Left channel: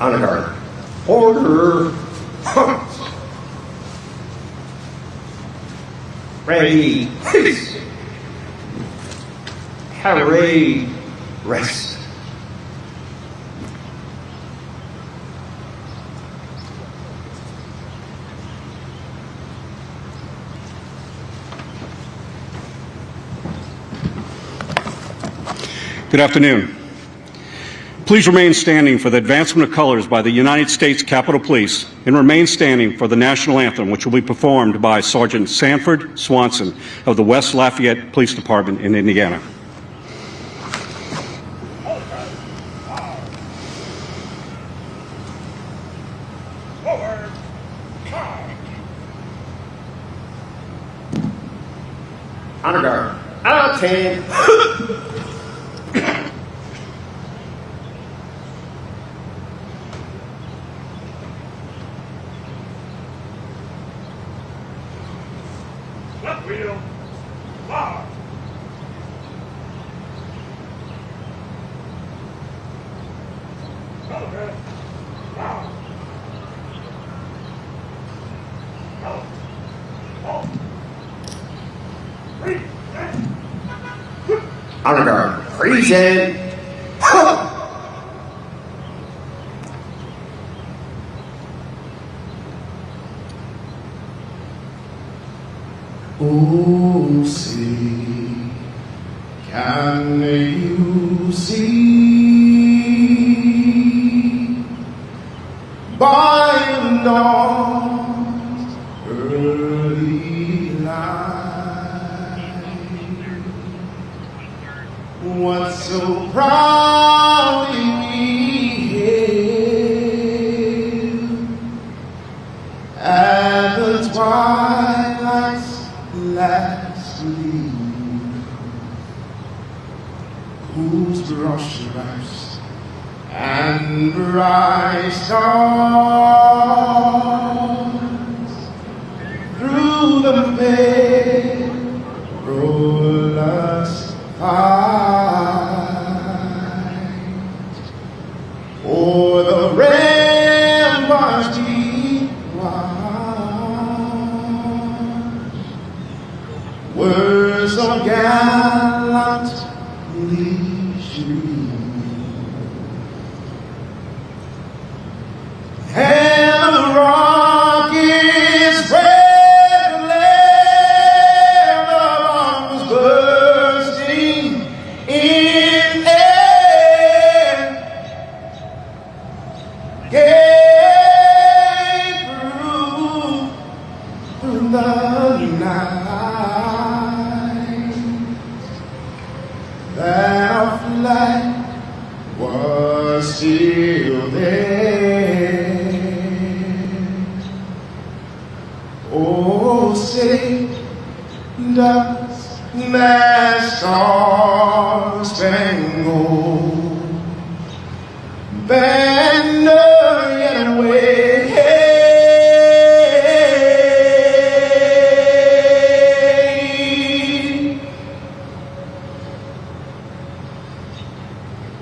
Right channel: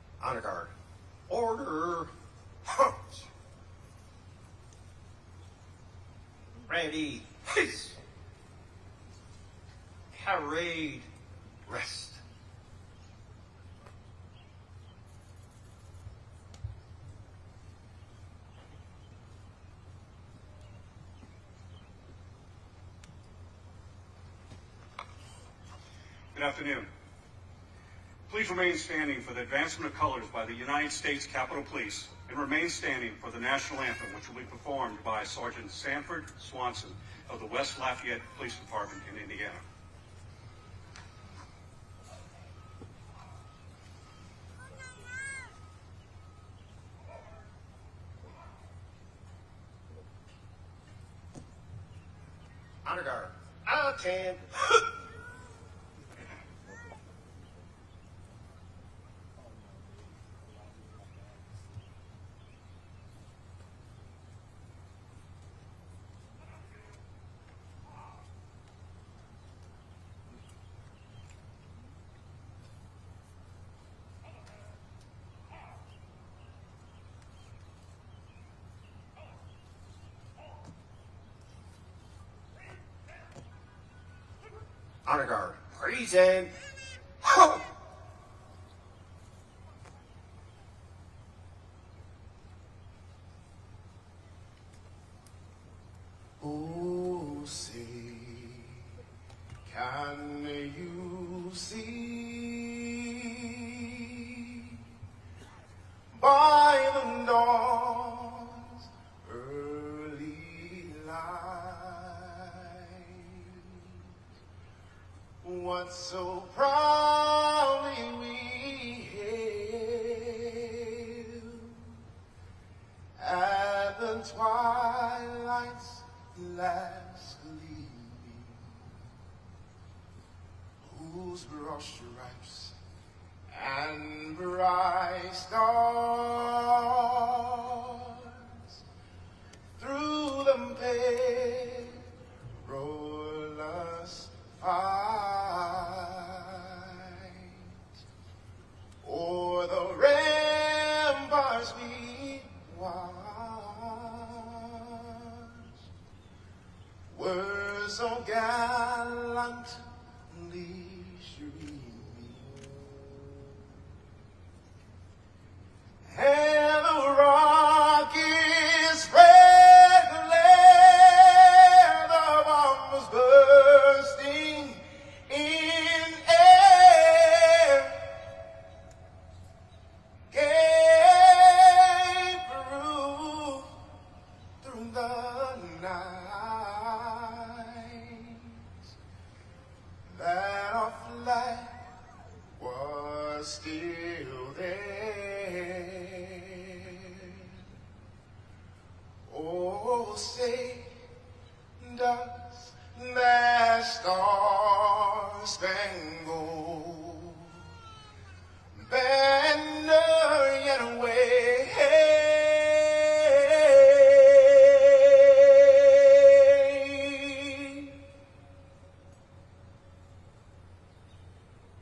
Honor guard. Order. Ready. Peace. Parade. Rest. Good afternoon. Please remain standing for the advancement of colors by the United States Capitol Police and remain standing for the national anthem, which will be performed by Sergeant Sanford Swanson of the West Lafayette Police Department in Indiana. Honor guard. Out 10. Left wheel. Fire. Okay. Fire. Honor guard. Present. Oh, see, can you see by the dawn's early light what so proudly hailed at the twilight's last gleam, whose brush stripes and bright stars through the perilous fight o'er the ramparts deep wide were so gallantly streamed, and the rockets spread the land of arms bursting in air, gave proof through the night that our flag was still there. Oh, say does that star-spangled banner yet wave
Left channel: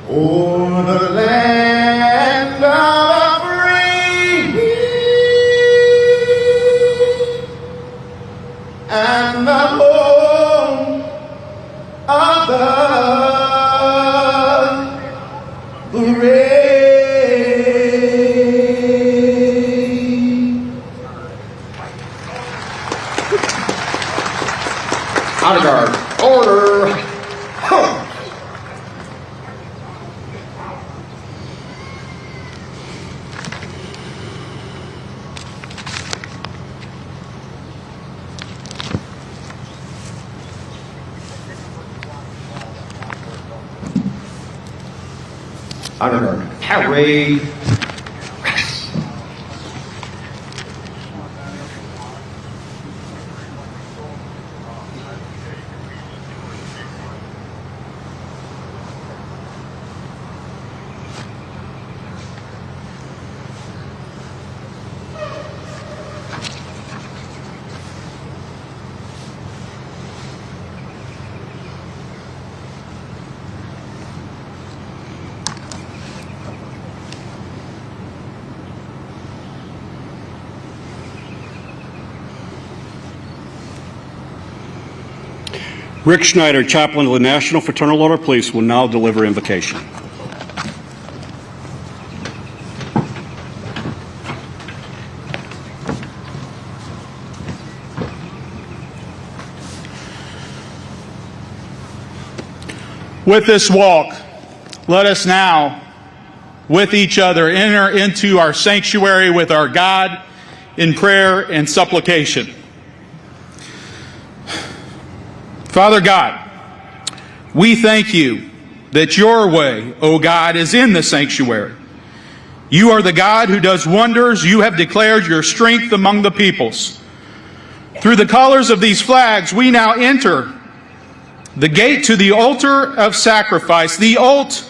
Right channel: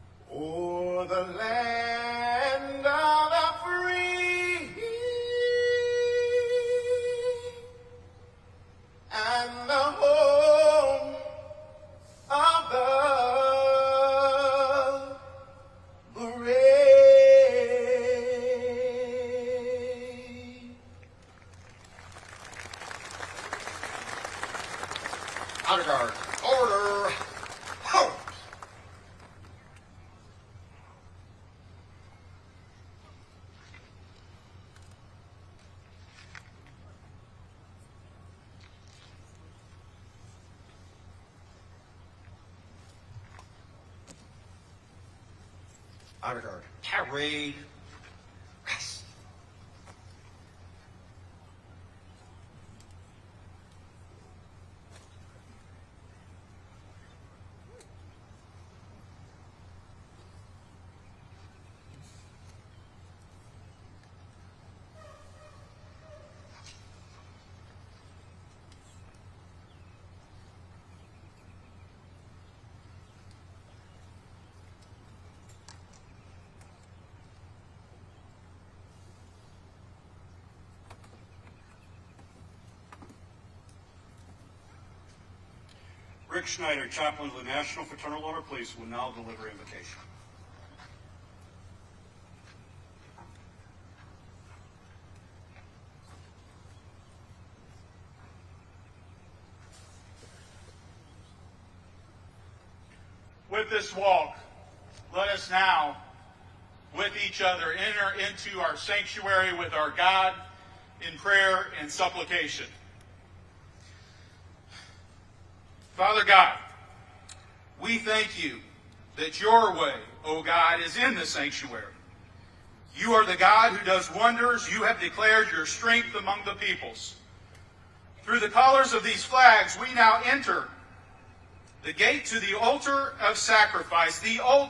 o'er the land of the free and the home of the brave. Honor guard. Order. Honor guard. Parade. Rick Schneider, chaplain of the National Fraternal Order of Police, will now deliver invocation. With this walk, let us now, with each other, enter into our sanctuary with our God in prayer and supplication. Father God, we thank you that your way, O God, is in the sanctuary. You are the God who does wonders. You have declared your strength among the peoples. Through the colors of these flags, we now enter the gate to the altar of sacrifice, the ult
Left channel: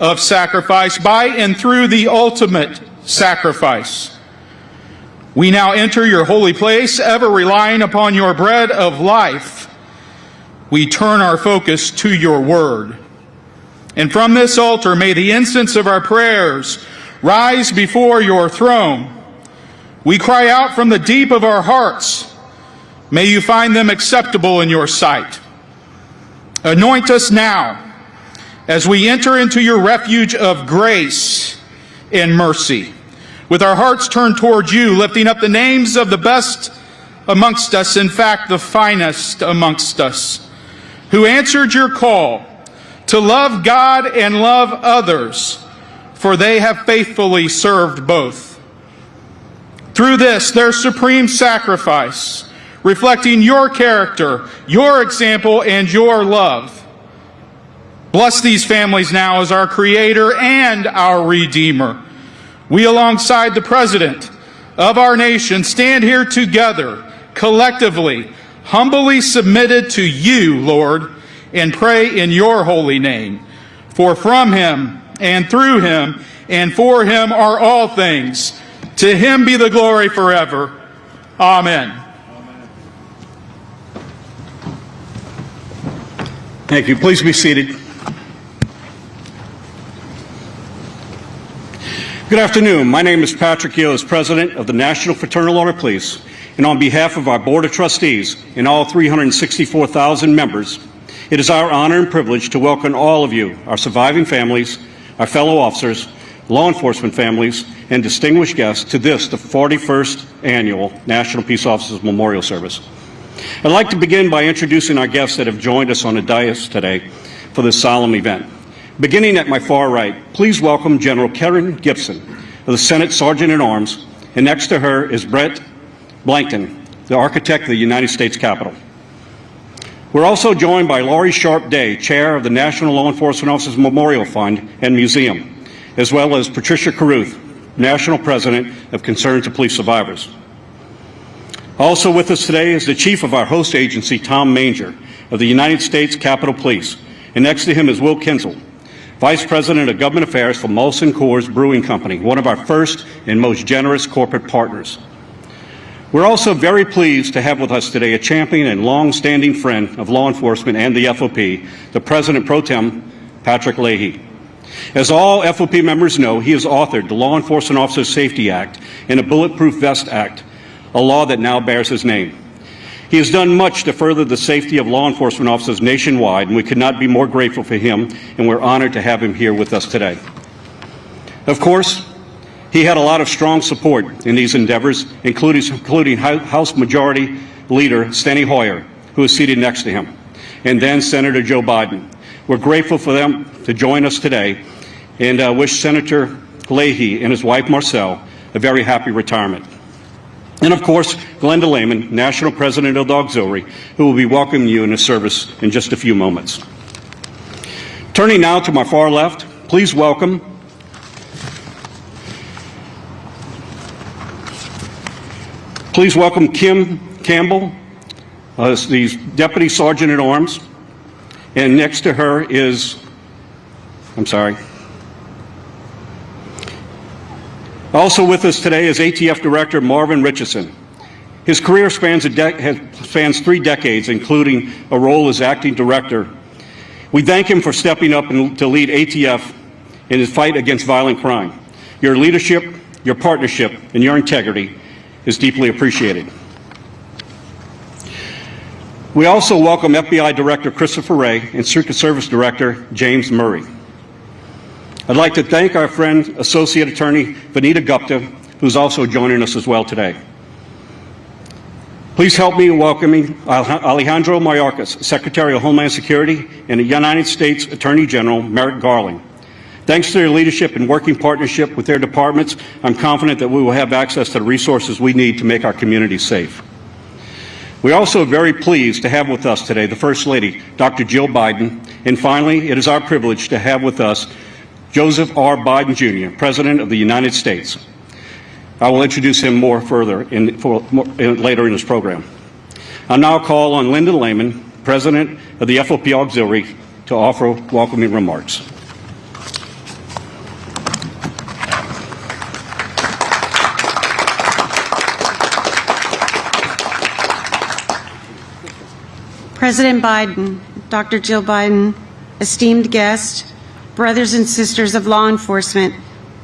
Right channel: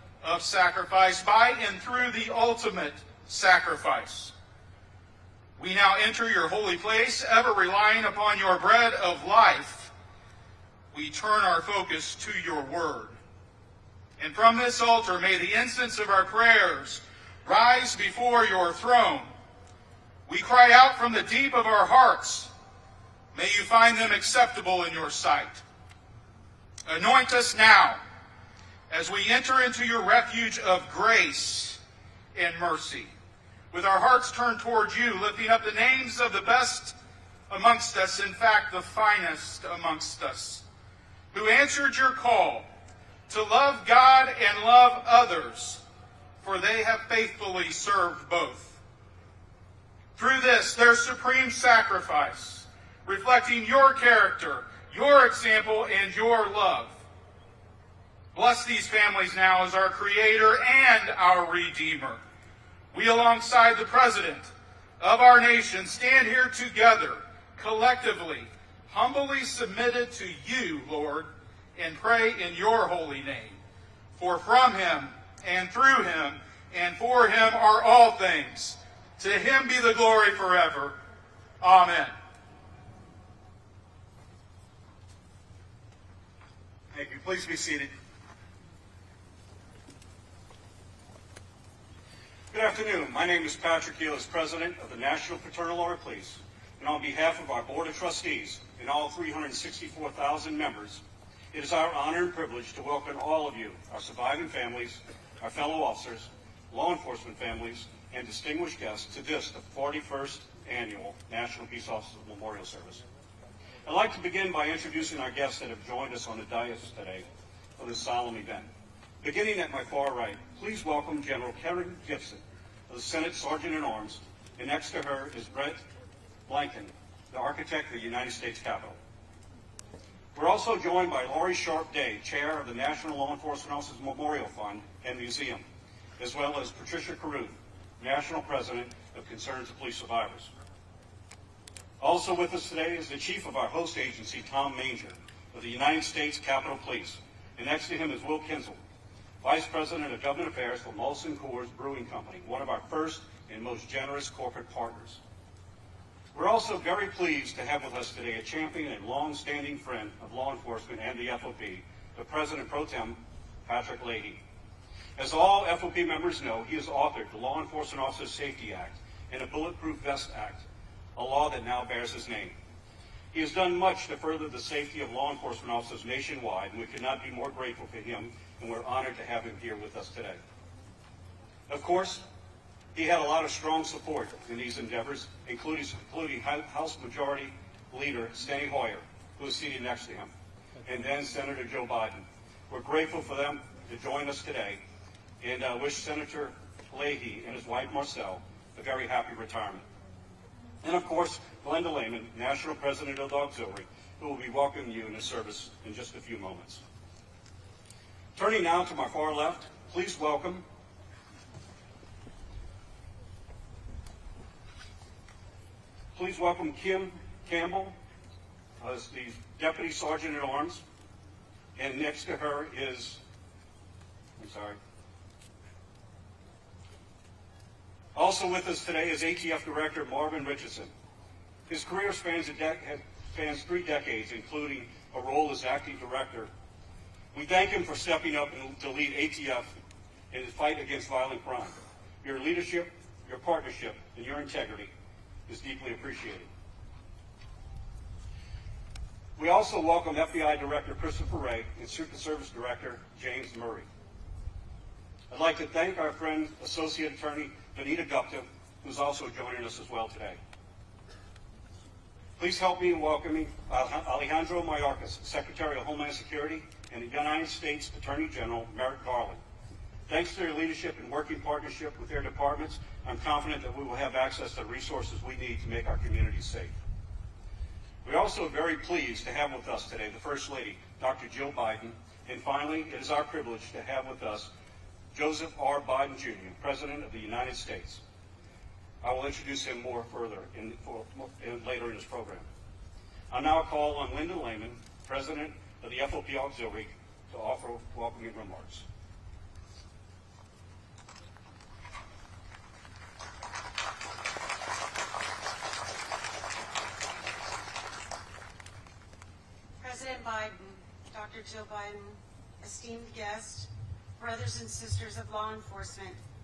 of sacrifice, by and through the ultimate sacrifice. We now enter your holy place, ever relying upon your bread of life. We turn our focus to your word. And from this altar, may the incense of our prayers rise before your throne. We cry out from the deep of our hearts. May you find them acceptable in your sight. Anoint us now as we enter into your refuge of grace and mercy. With our hearts turned toward you, lifting up the names of the best amongst us, in fact, the finest amongst us, who answered your call to love God and love others, for they have faithfully served both. Through this, their supreme sacrifice, reflecting your character, your example, and your love. Bless these families now as our Creator and our Redeemer. We, alongside the President of our nation, stand here together, collectively, humbly submitted to you, Lord, and pray in your holy name. For from him, and through him, and for him are all things. To him be the glory forever. Amen. Thank you. Please be seated. Good afternoon. My name is Patrick Gill, as President of the National Fraternal Order of Police, and on behalf of our Board of Trustees and all 364,000 members, it is our honor and privilege to welcome all of you, our surviving families, our fellow officers, law enforcement families, and distinguished guests to this, the 41st Annual National Peace Officers Memorial Service. I'd like to begin by introducing our guests that have joined us on the dais today for this solemn event. Beginning at my far right, please welcome General Karen Gibson of the Senate Sergeant-at-Arms, and next to her is Brett Blankton, the architect of the United States Capitol. We're also joined by Laurie Sharp Day, Chair of the National Law Enforcement Officers Memorial Fund and Museum, as well as Patricia Carruth, National President of Concern to Police Survivors. Also with us today is the Chief of our host agency, Tom Manger, of the United States Capitol Police, and next to him is Will Kinzel, Vice President of Government Affairs for Molson Coors Brewing Company, one of our first and most generous corporate partners. We're also very pleased to have with us today a champion and long-standing friend of law enforcement and the FOP, the President Pro Tem, Patrick Leahy. As all FOP members know, he has authored the Law Enforcement Officers Safety Act and the Bulletproof Vest Act, a law that now bears his name. He has done much to further the safety of law enforcement officers nationwide, and we could not be more grateful for him, and we're honored to have him here with us today. Of course, he had a lot of strong support in these endeavors, including House Majority Leader Steny Hoyer, who is seated next to him, and then Senator Joe Biden. We're grateful for them to join us today, and wish Senator Leahy and his wife Marcelle a very happy retirement. And of course, Glenda Lehman, National President of the Auxiliary, who will be welcoming you in the service in just a few moments. Turning now to my far left, please welcome Kim Campbell, the Deputy Sergeant-at-Arms, and next to her is, Also with us today is ATF Director Marvin Richardson. His career spans 3 decades, including a role as acting director. We thank him for stepping up to lead ATF in his fight against violent crime. Your leadership, your partnership, and your integrity is deeply appreciated. We also welcome FBI Director Christopher Wray and Secret Service Director James Murray. I'd like to thank our friend, Associate Attorney Vanita Gupta, who's also joining us as well today. Please help me in welcoming Alejandro Mayorkas, Secretary of Homeland Security, and the United States Attorney General Merrick Garland. Thanks to their leadership and working partnership with their departments, I'm confident that we will have access to the resources we need to make our community safe. We're also very pleased to have with us today the First Lady, Dr. Jill Biden, and finally, it is our privilege to have with us Joseph R. Biden, Jr., President of the United States. I will introduce him more further later in this program. I'll now call on Linda Lehman, President of the FOP Auxiliary, to offer welcoming remarks. President Biden, Dr. Jill Biden, esteemed guests, brothers and sisters of law enforcement,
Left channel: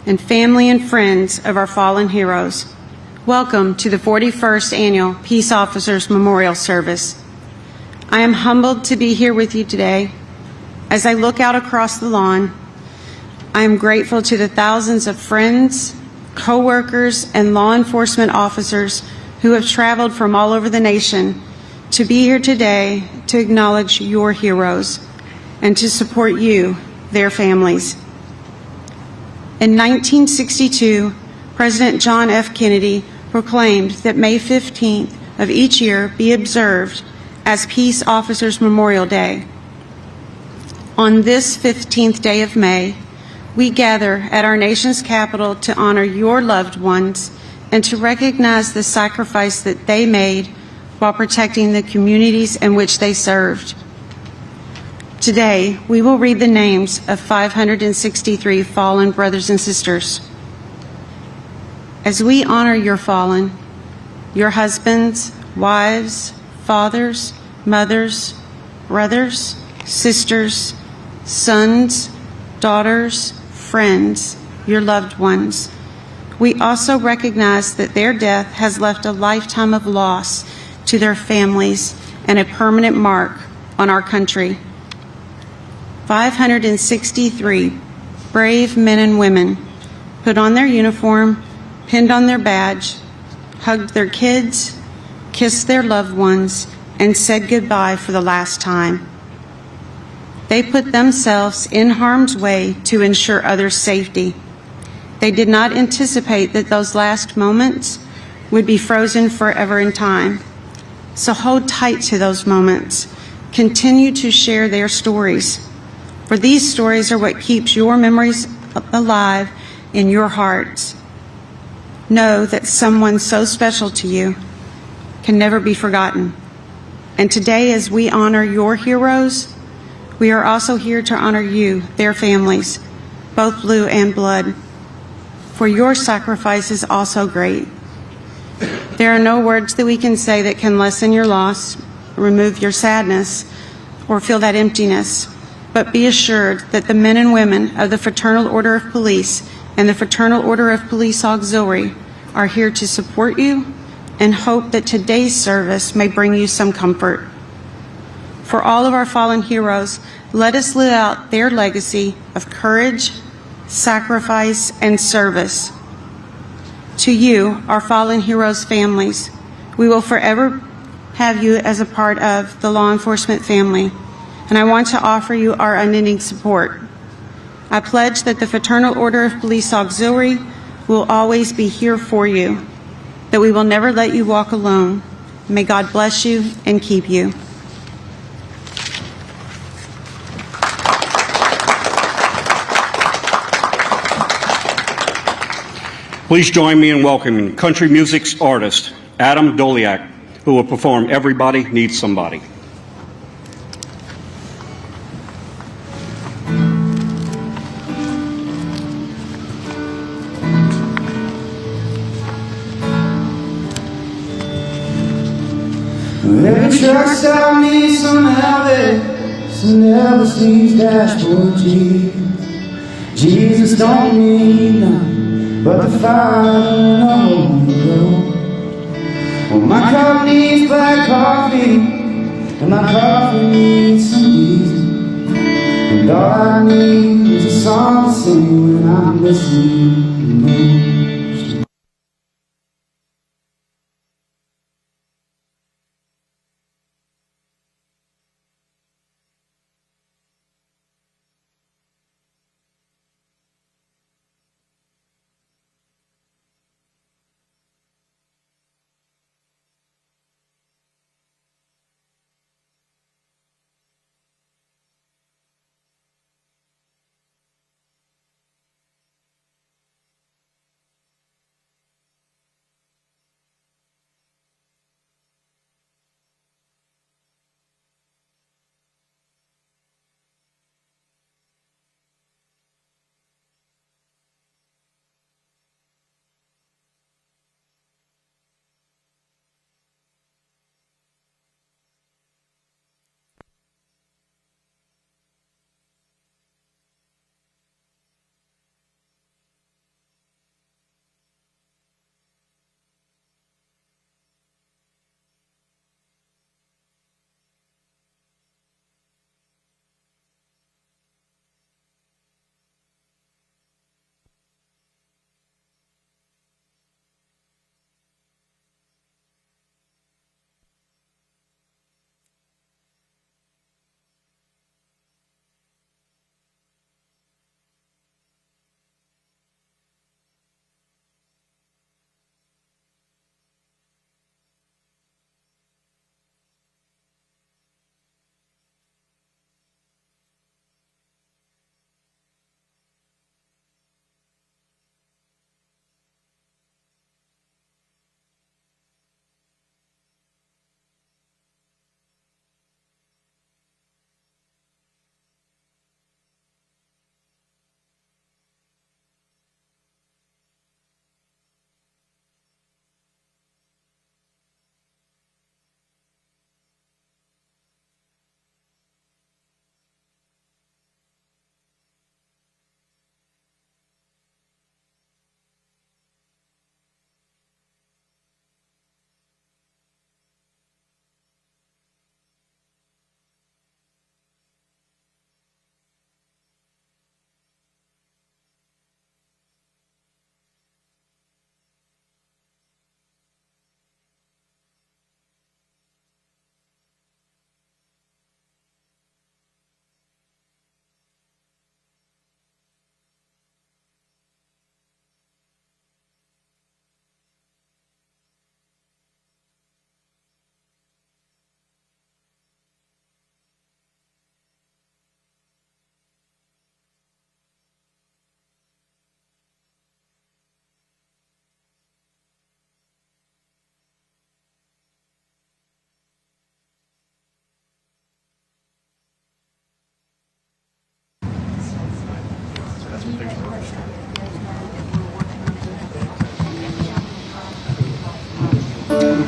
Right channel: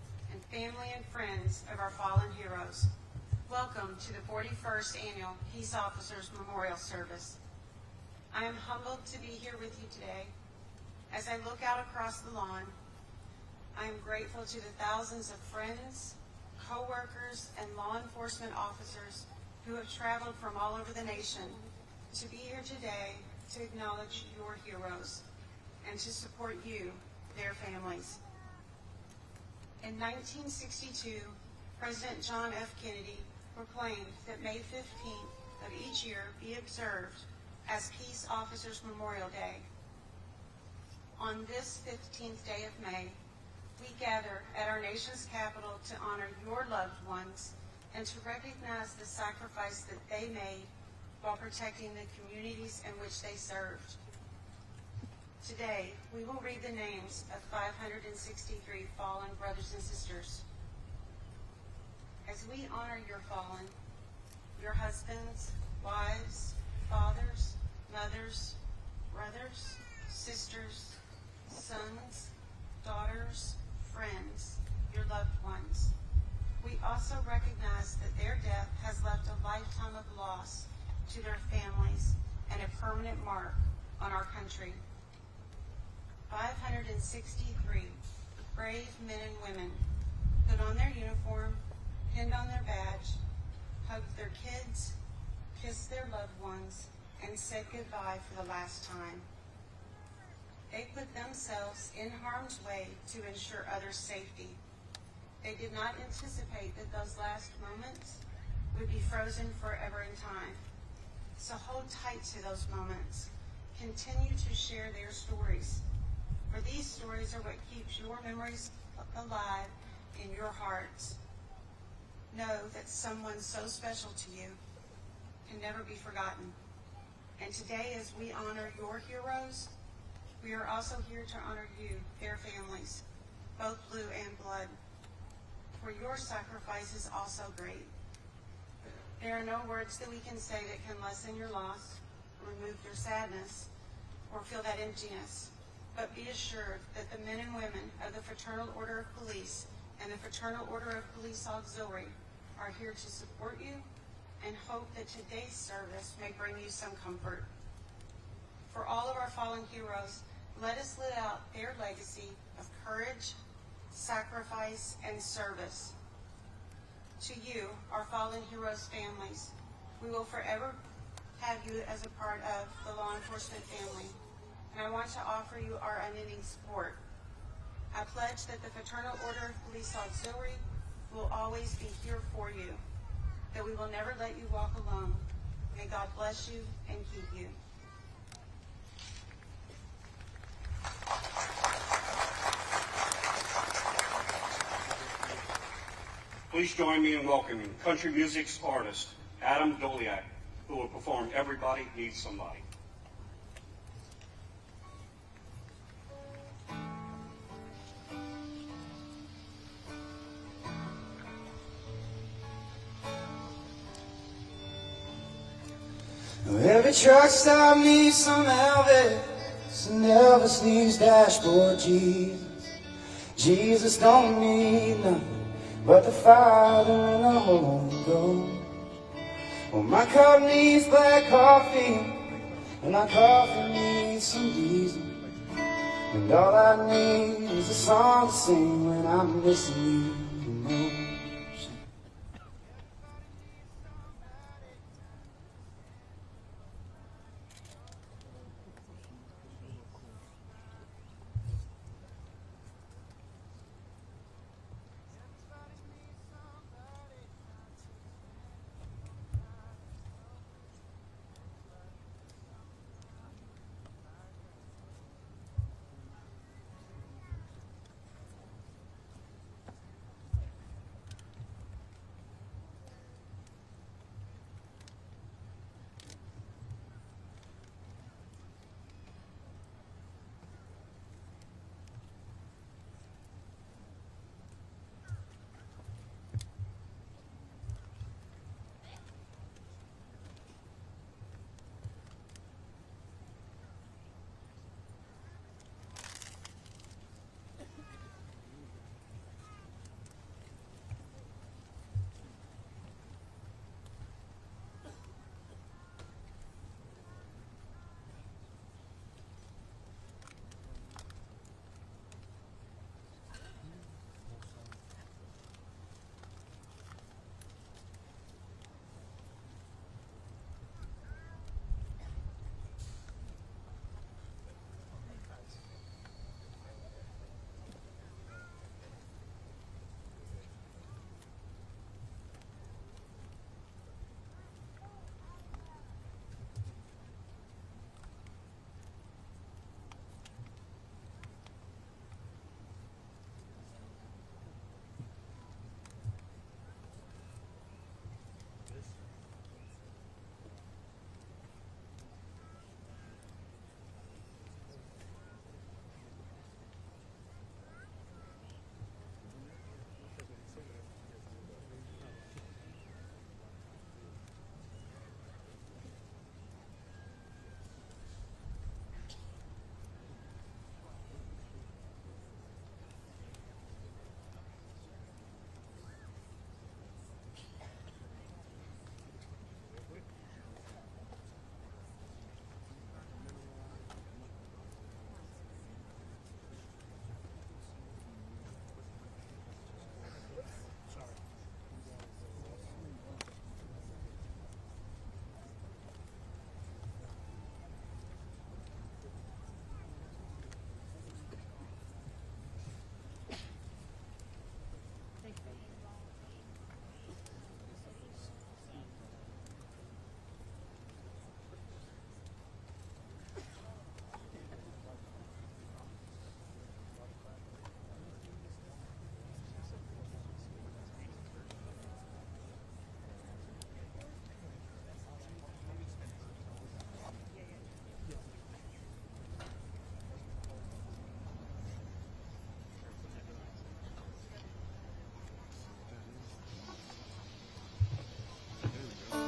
and family and friends of our fallen heroes, welcome to the 41st Annual Peace Officers Memorial Service. I am humbled to be here with you today. As I look out across the lawn, I am grateful to the thousands of friends, co-workers, and law enforcement officers who have traveled from all over the nation to be here today to acknowledge your heroes and to support you, their families. In 1962, President John F. Kennedy proclaimed that May 15th of each year be observed as Peace Officers Memorial Day. On this 15th day of May, we gather at our nation's capital to honor your loved ones and to recognize the sacrifice that they made while protecting the communities in which they served. Today, we will read the names of 563 fallen brothers and sisters. As we honor your fallen, your husbands, wives, fathers, mothers, brothers, sisters, sons, daughters, friends, your loved ones, we also recognize that their death has left a lifetime of loss to their families and a permanent mark on our country. 563 brave men and women put on their uniform, pinned on their badge, hugged their kids, kissed their loved ones, and said goodbye for the last time. They put themselves in harm's way to ensure others' safety. They did not anticipate that those last moments would be frozen forever in time. So hold tight to those moments. Continue to share their stories, for these stories are what keeps your memories alive in your hearts. Know that someone so special to you can never be forgotten. And today, as we honor your heroes, we are also here to honor you, their families, both blue and blood, for your sacrifice is also great. There are no words that we can say that can lessen your loss, remove your sadness, or fill that emptiness. But be assured that the men and women of the Fraternal Order of Police and the Fraternal Order of Police Auxiliary are here to support you and hope that today's service may bring you some comfort. For all of our fallen heroes, let us live out their legacy of courage, sacrifice, and service. To you, our fallen heroes' families, we will forever have you as a part of the law enforcement family, and I want to offer you our unending support. I pledge that the Fraternal Order of Police Auxiliary will always be here for you, that we will never let you walk alone. May God bless you and keep you. Please join me in welcoming country music's artist, Adam Doliak, who will perform Everybody Needs Somebody. Every truck stop needs some help, some never see dashboard Jesus don't need nothing but the fire on the road. Well, my car needs black coffee, and my coffee needs some Jesus, and all I need is a song to sing when I'm missing you.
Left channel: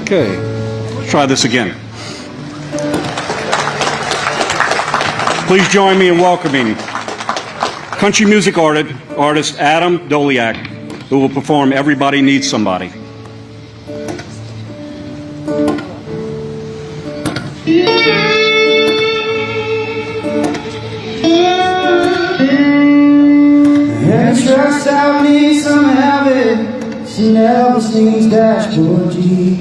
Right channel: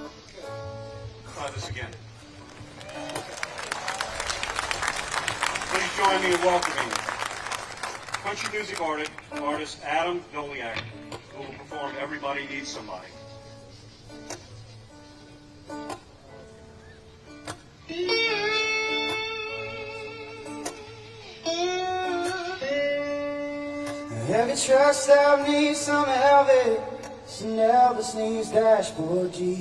Okay, let's try this again. Please join me in welcoming country music artist Adam Doliak, who will perform Everybody Needs Somebody. And trust I need some habit. She never seems dashboard G.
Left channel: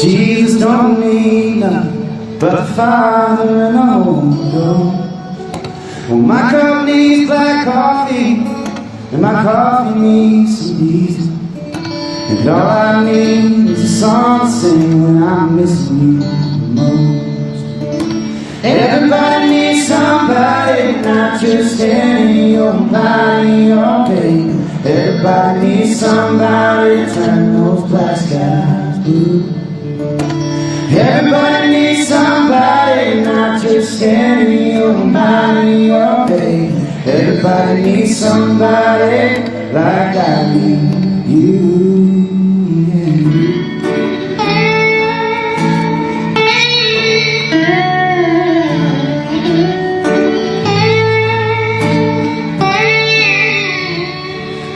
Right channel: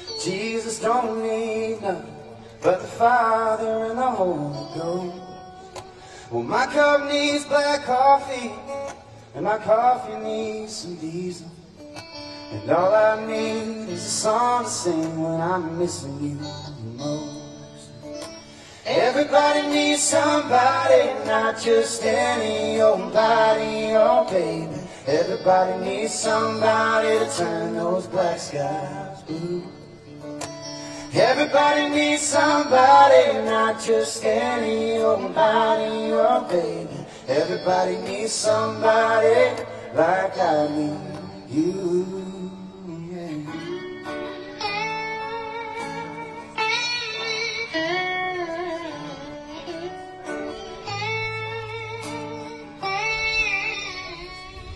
Jesus don't need nothing but the Father and the Holy Ghost. Well, my cup needs black coffee, and my coffee needs some Jesus. And all I need is a song to sing when I'm missing you the most. Everybody needs somebody, not just any over by your day. Everybody needs somebody to turn those black skies blue. Everybody needs somebody, not just any over by your day. Everybody needs somebody like I need you.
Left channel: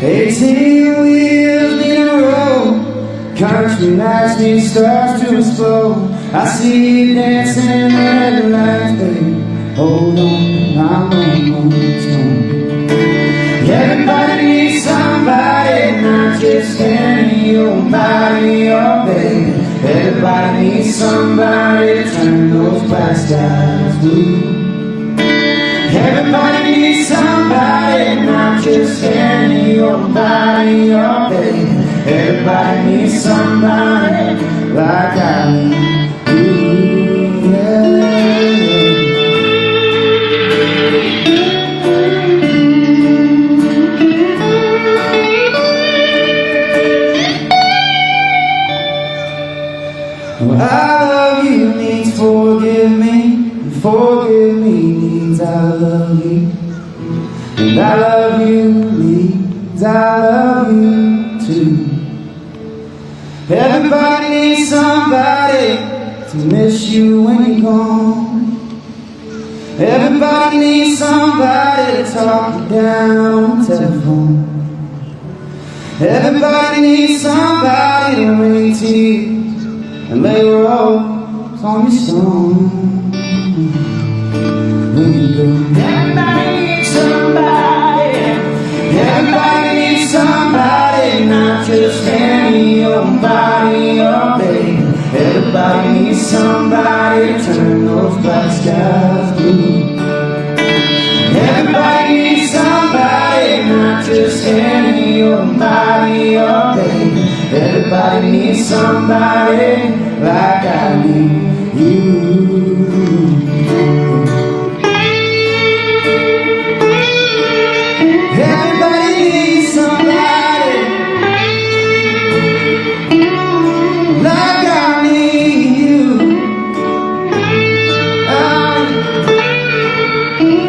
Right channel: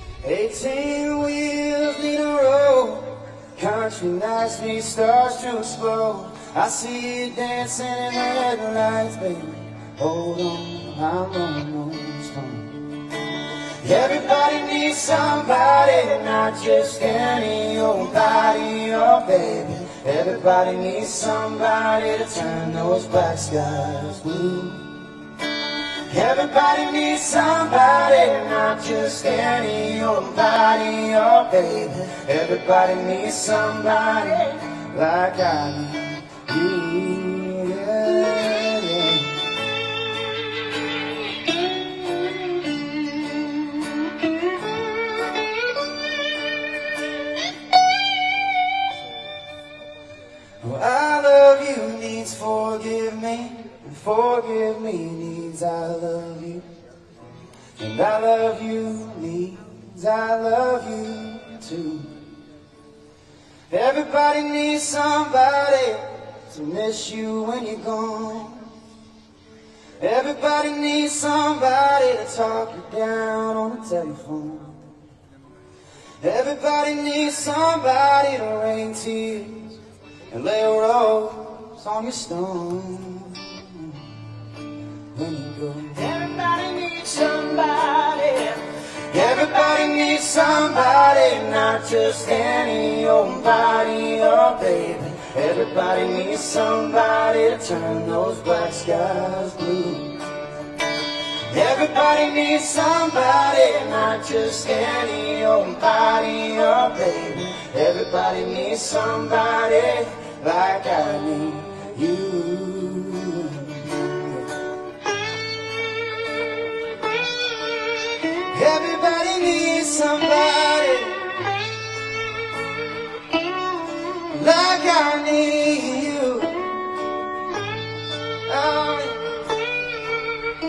Hey, 18 wheels in a row, country nights me starts to slow. I see you dancing in the light, baby. Hold on, I'm on time. Everybody needs somebody, not just in your body, oh baby. Everybody needs somebody to turn those black skies blue. Everybody needs somebody, not just in your body, oh baby. Everybody needs somebody like I do, yeah. Well, I love you means forgive me, and forgive me means I love you, and I love you means I love you too. Everybody needs somebody to miss you when you're gone. Everybody needs somebody to talk you down on the telephone. Everybody needs somebody to ring to you and lay the rose on your stone. When you go, everybody needs somebody. Everybody needs somebody, not just in your body, oh baby. Everybody needs somebody to turn those black skies blue. Everybody needs somebody, not just in your body, oh baby. Everybody needs somebody like I need you. Everybody needs somebody like I need you.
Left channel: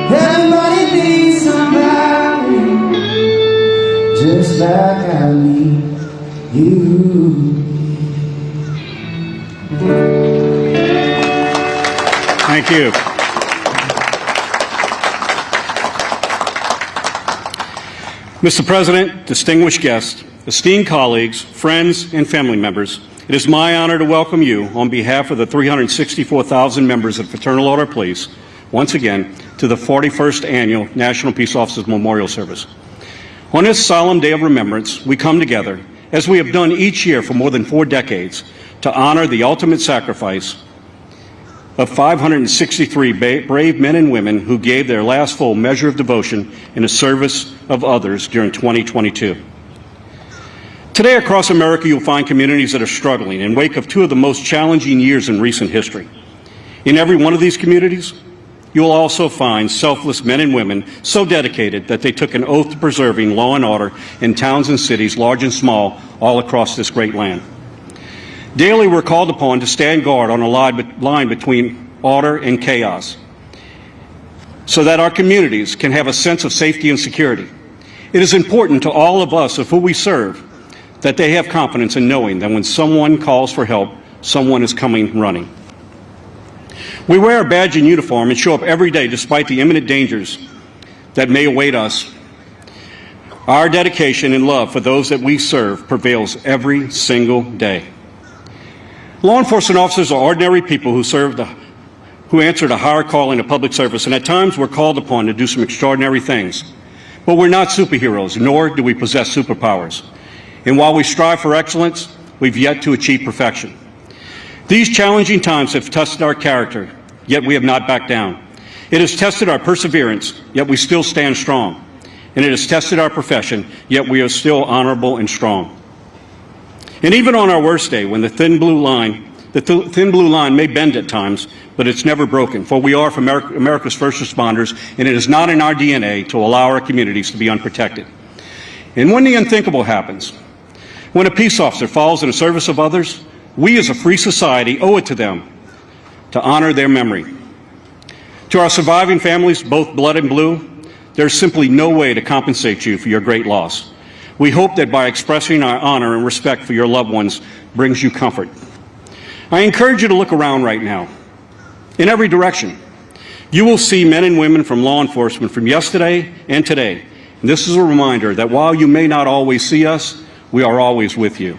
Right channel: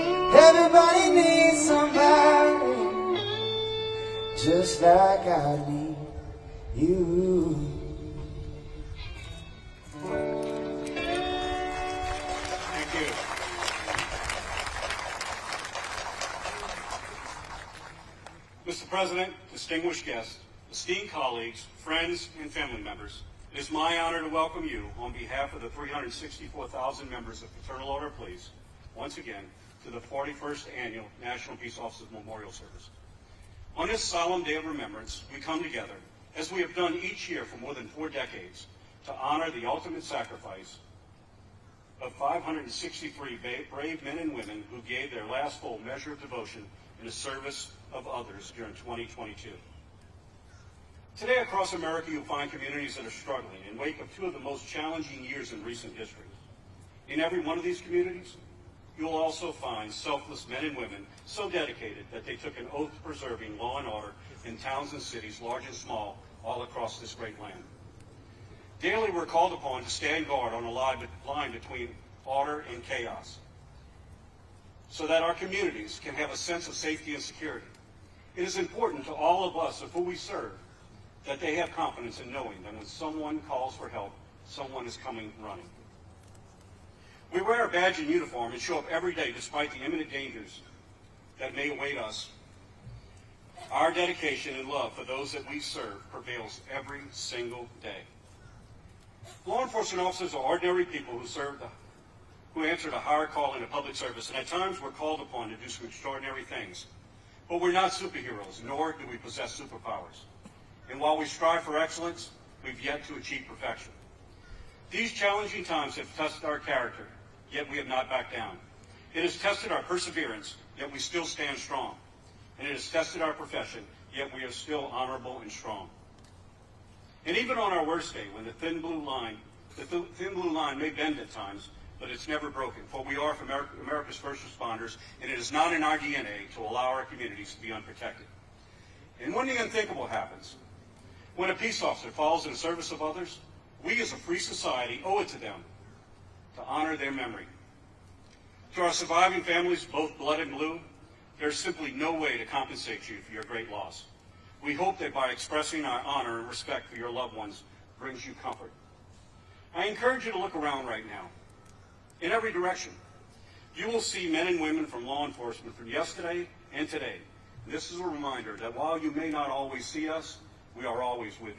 Everybody needs somebody just like I need you. Thank you. Mr. President, distinguished guests, esteemed colleagues, friends, and family members, it is my honor to welcome you on behalf of the 364,000 members of Fraternal Order Police once again to the 41st Annual National Peace Officers Memorial Service. On this solemn day of remembrance, we come together, as we have done each year for more than 4 decades, to honor the ultimate sacrifice of 563 brave men and women who gave their last full measure of devotion in the service of others during 2022. Today across America, you'll find communities that are struggling in wake of 2 of the most challenging years in recent history. In every one of these communities, you will also find selfless men and women so dedicated that they took an oath to preserving law and order in towns and cities, large and small, all across this great land. Daily, we're called upon to stand guard on a line between order and chaos so that our communities can have a sense of safety and security. It is important to all of us of who we serve that they have confidence in knowing that when someone calls for help, someone is coming running. We wear a badge and uniform and show up every day despite the imminent dangers that may await us. Our dedication and love for those that we serve prevails every single day. Law enforcement officers are ordinary people who answer to higher calling of public service, and at times we're called upon to do some extraordinary things. But we're not superheroes, nor do we possess superpowers. And while we strive for excellence, we've yet to achieve perfection. These challenging times have tested our character, yet we have not backed down. It has tested our perseverance, yet we still stand strong. And it has tested our profession, yet we are still honorable and strong. And even on our worst day, when the thin blue line may bend at times, but it's never broken, for we are from America's first responders, and it is not in our DNA to allow our communities to be unprotected. And when the unthinkable happens, when a peace officer falls in the service of others, we as a free society owe it to them to honor their memory. To our surviving families, both blood and blue, there's simply no way to compensate you for your great loss. We hope that by expressing our honor and respect for your loved ones brings you comfort. I encourage you to look around right now. In every direction, you will see men and women from law enforcement from yesterday and today. And this is a reminder that while you may not always see us, we are always with you.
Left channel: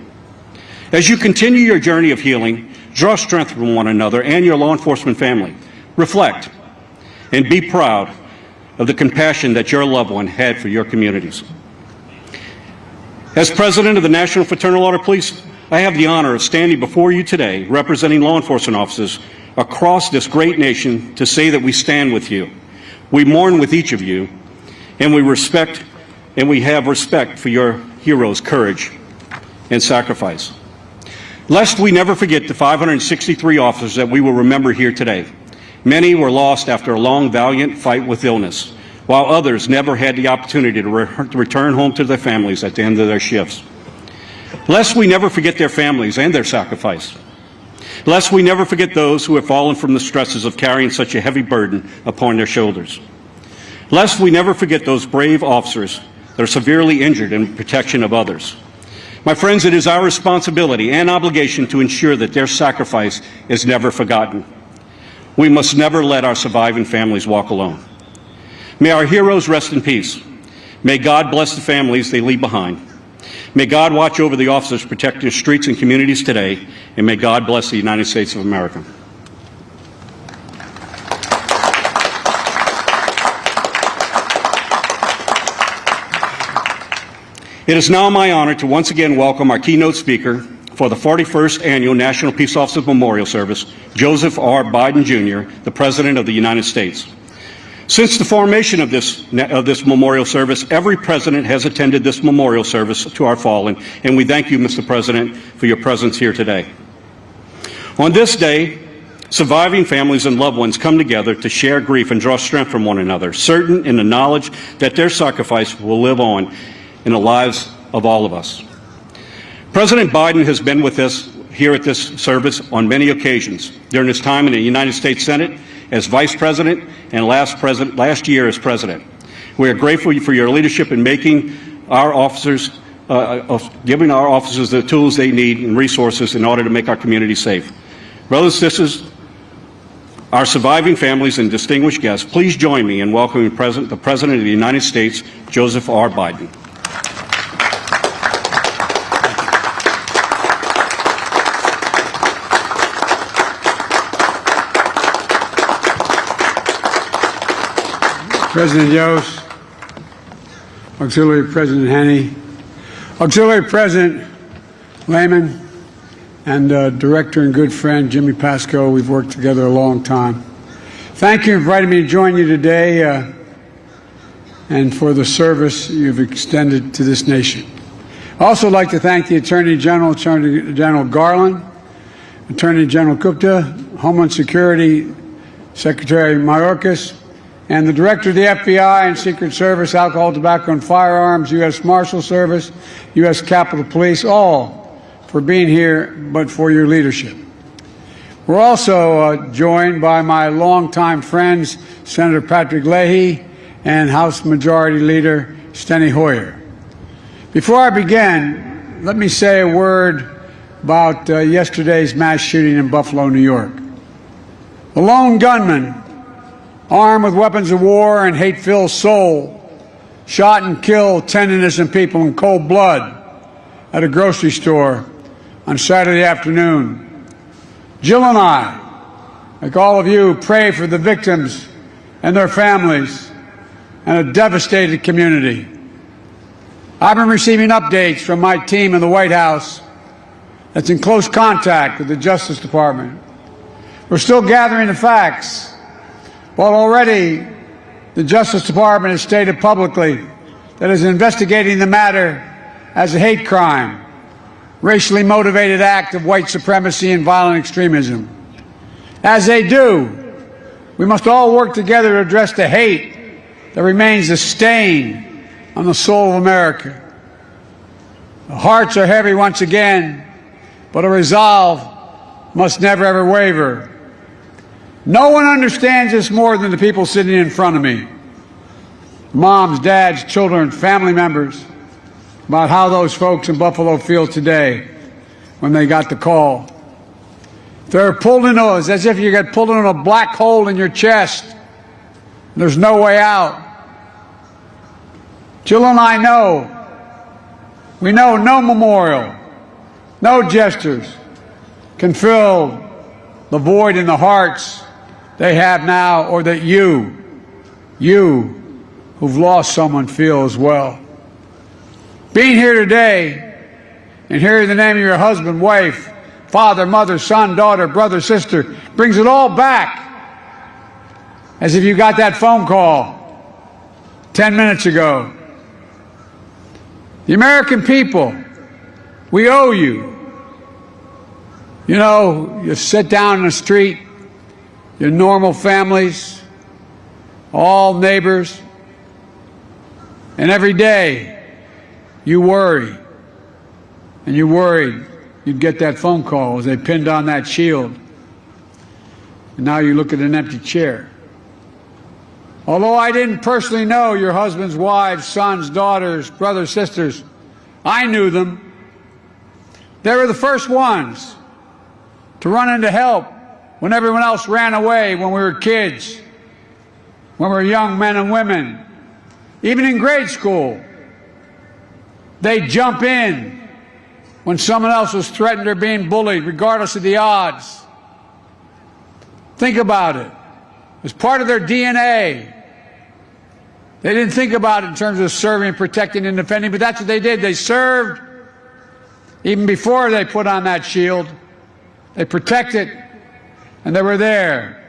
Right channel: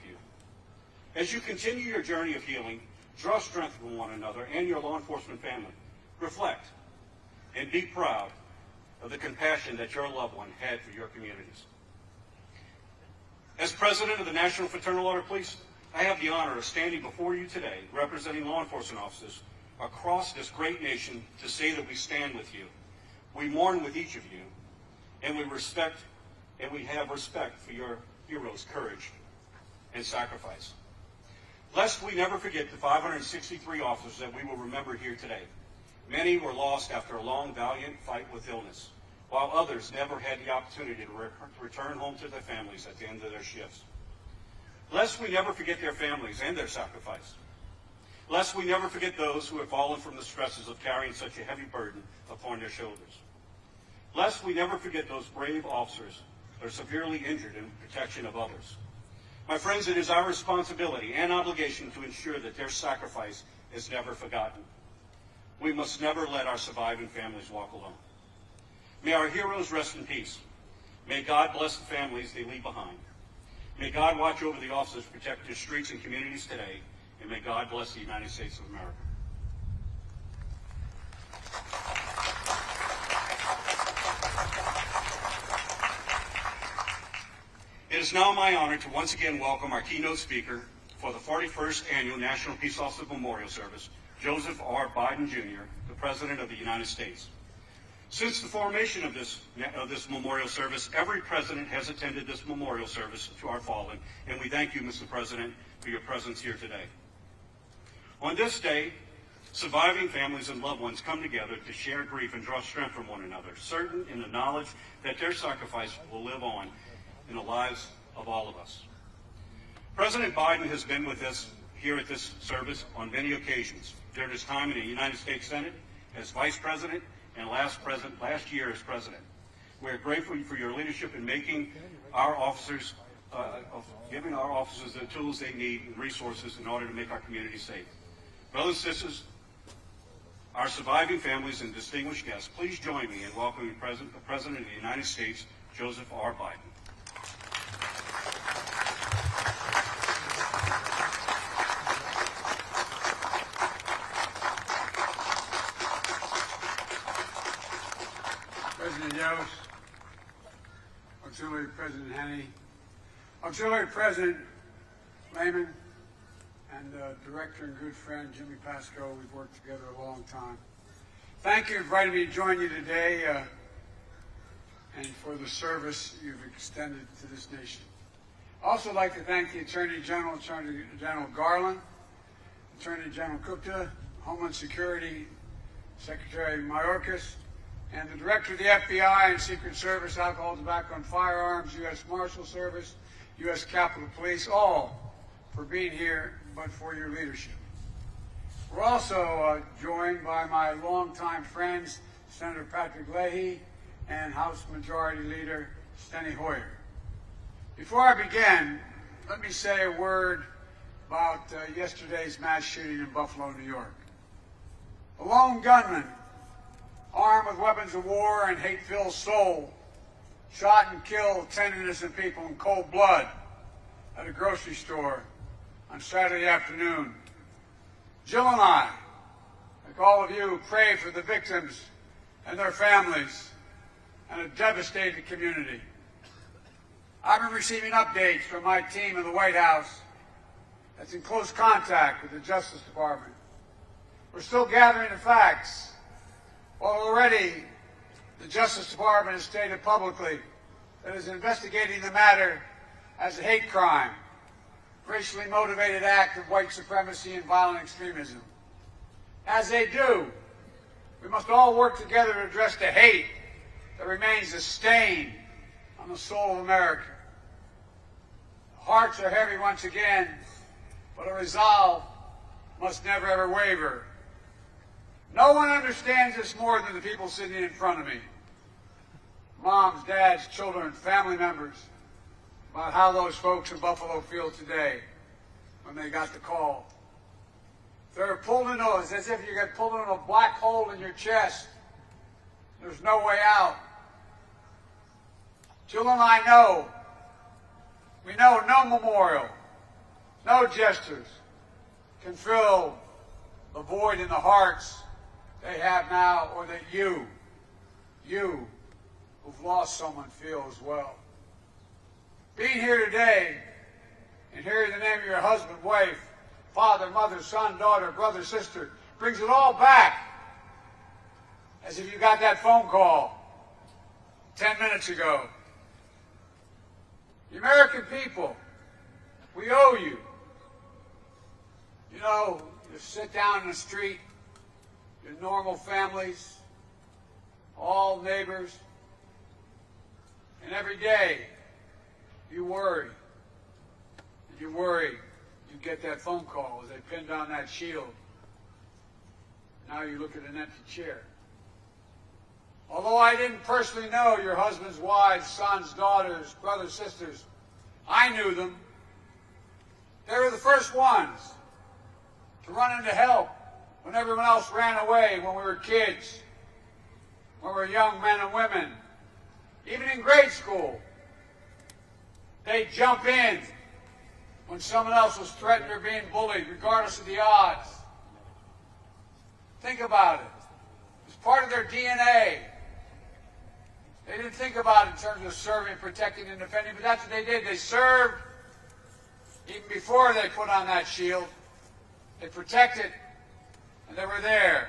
As you continue your journey of healing, draw strength from one another and your law enforcement family. Reflect and be proud of the compassion that your loved one had for your communities. As President of the National Fraternal Order of Police, I have the honor of standing before you today representing law enforcement officers across this great nation to say that we stand with you. We mourn with each of you, and we have respect for your heroes' courage and sacrifice. Lest we never forget the 563 officers that we will remember here today. Many were lost after a long, valiant fight with illness, while others never had the opportunity to return home to their families at the end of their shifts. Lest we never forget their families and their sacrifice. Lest we never forget those who have fallen from the stresses of carrying such a heavy burden upon their shoulders. Lest we never forget those brave officers that are severely injured in protection of others. My friends, it is our responsibility and obligation to ensure that their sacrifice is never forgotten. We must never let our surviving families walk alone. May our heroes rest in peace. May God bless the families they leave behind. May God watch over the officers protecting streets and communities today, and may God bless the United States of America. It is now my honor to once again welcome our keynote speaker for the 41st Annual National Peace Officers Memorial Service, Joseph R. Biden, Jr., the President of the United States. Since the formation of this memorial service, every president has attended this memorial service to our fallen, and we thank you, Mr. President, for your presence here today. On this day, surviving families and loved ones come together to share grief and draw strength from one another, certain in the knowledge that their sacrifice will live on in the lives of all of us. President Biden has been with us here at this service on many occasions during his time in the United States Senate as Vice President and last year as President. We are grateful for your leadership in making our officers, giving our officers the tools they need and resources in order to make our community safe. Brothers and sisters, our surviving families and distinguished guests, please join me in welcoming the President of the United States, Joseph R. Biden. President Yost, Auxiliary President Hannay, Auxiliary President Lehman, and Director and good friend Jimmy Pascoe. We've worked together a long time. Thank you for inviting me to join you today and for the service you've extended to this nation. I'd also like to thank the Attorney General Garland, Attorney General Gupta, Homeland Security Secretary Mayorkas, and the Director of the FBI and Secret Service, Alcohol, Tobacco, and Firearms, U.S. Marshal Service, U.S. Capitol Police, all for being here, but for your leadership. We're also joined by my longtime friends, Senator Patrick Leahy and House Majority Leader Steny Hoyer. Before I begin, let me say a word about yesterday's mass shooting in Buffalo, New York. A lone gunman, armed with weapons of war and hate-filled soul, shot and killed 10 innocent people in cold blood at a grocery store on Saturday afternoon. Jill and I, like all of you, pray for the victims and their families and a devastated community. I've been receiving updates from my team in the White House that's in close contact with the Justice Department. We're still gathering the facts. Well, already the Justice Department has stated publicly that it is investigating the matter as a hate crime, racially motivated act of white supremacy and violent extremism. As they do, we must all work together to address the hate that remains a stain on the soul of America. The hearts are heavy once again, but a resolve must never ever waver. No one understands this more than the people sitting in front of me. Moms, dads, children, family members, about how those folks in Buffalo feel today when they got the call. They're pulled into us as if you got pulled into a black hole in your chest. There's no way out. Jill and I know. We know no memorial, No gestures can fill the void in the hearts they have now, or that you who've lost someone feel as well. Being here today and hearing the name of your husband, wife, father, mother, son, daughter, brother, sister brings it all back, as if you got that phone call 10 minutes ago. The American people, we owe you. You know, you sit down in the street, your normal families, all neighbors, and every day you worry, and you worried you'd get that phone call as they pinned on that shield. And now you look at an empty chair. Although I didn't personally know your husbands, wives, sons, daughters, brothers, sisters, I knew them. They were the first ones to run in to help when everyone else ran away when we were kids, when we were young men and women. Even in grade school, they'd jump in when someone else was threatened or being bullied, regardless of the odds. Think about it. It was part of their DNA. They didn't think about it in terms of serving, protecting, and defending, but that's what they did. They served even before they put on that shield. They protected, and they were there.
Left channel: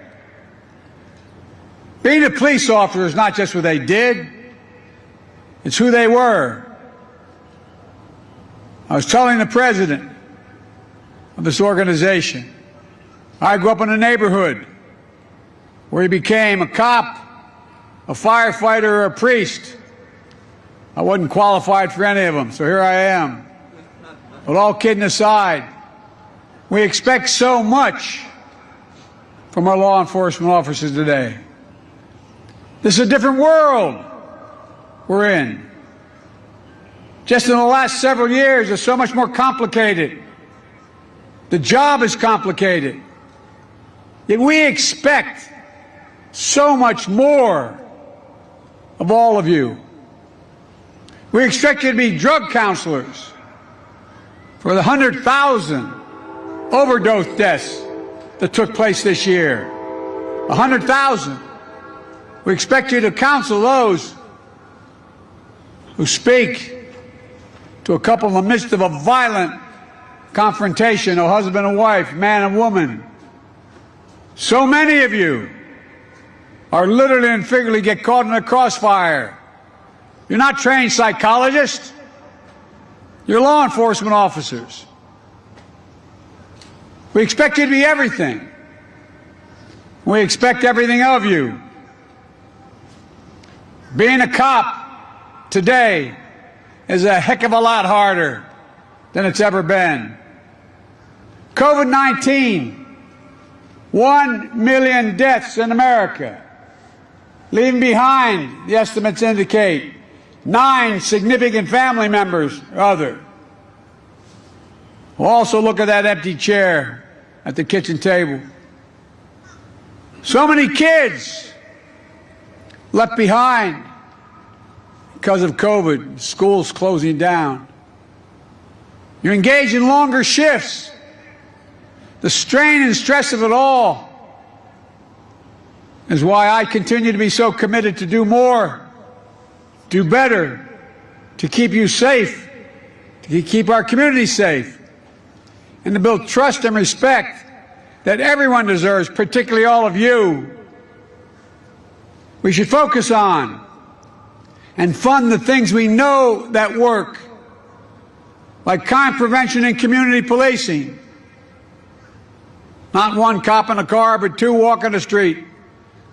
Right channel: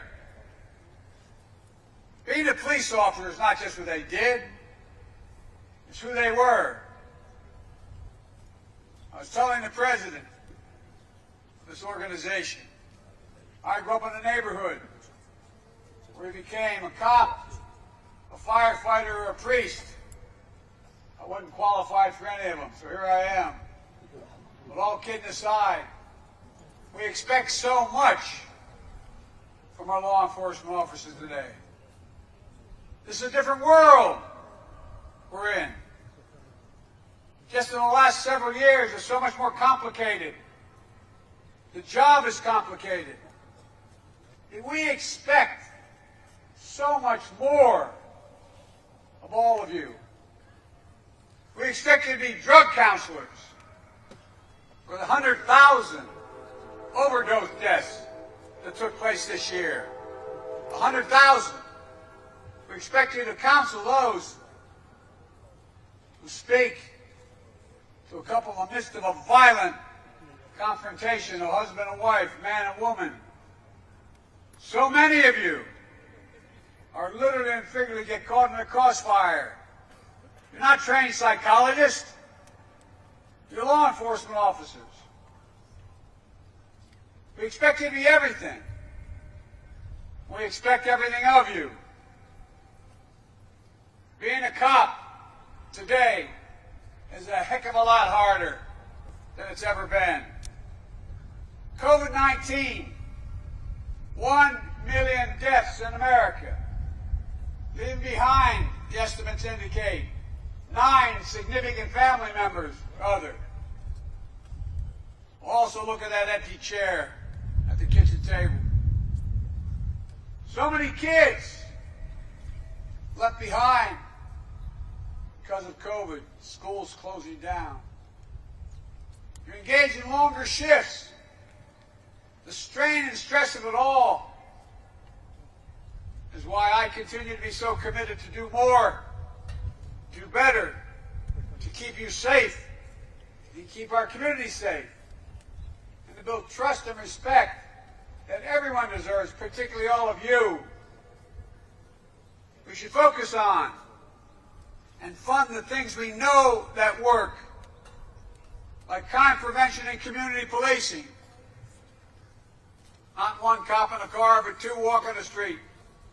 Being a police officer is not just what they did, it's who they were. I was telling the president of this organization, I grew up in a neighborhood where he became a cop, a firefighter, or a priest. I wasn't qualified for any of them, so here I am. But all kidding aside, we expect so much from our law enforcement officers today. This is a different world we're in. Just in the last several years, it's so much more complicated. The job is complicated. Yet we expect so much more of all of you. We expect you to be drug counselors for the 100,000 overdose deaths that took place this year. 100,000. We expect you to counsel those who speak to a couple in the midst of a violent confrontation, a husband and wife, man and woman. So many of you are literally and figuratively get caught in a crossfire. You're not trained psychologists. You're law enforcement officers. We expect you to be everything. We expect everything of you. Being a cop today is a heck of a lot harder than it's ever been. COVID-19, 1 million deaths in America, leaving behind, the estimates indicate, 9 significant family members or other. We'll also look at that empty chair at the kitchen table. So many kids left behind because of COVID, schools closing down. You engage in longer shifts. The strain and stress of it all is why I continue to be so committed to do more, do better, to keep you safe, to keep our community safe, and to build trust and respect that everyone deserves, particularly all of you. We should focus on and fund the things we know that work, like crime prevention and community policing. Not one cop in a car, but 2 walking the street.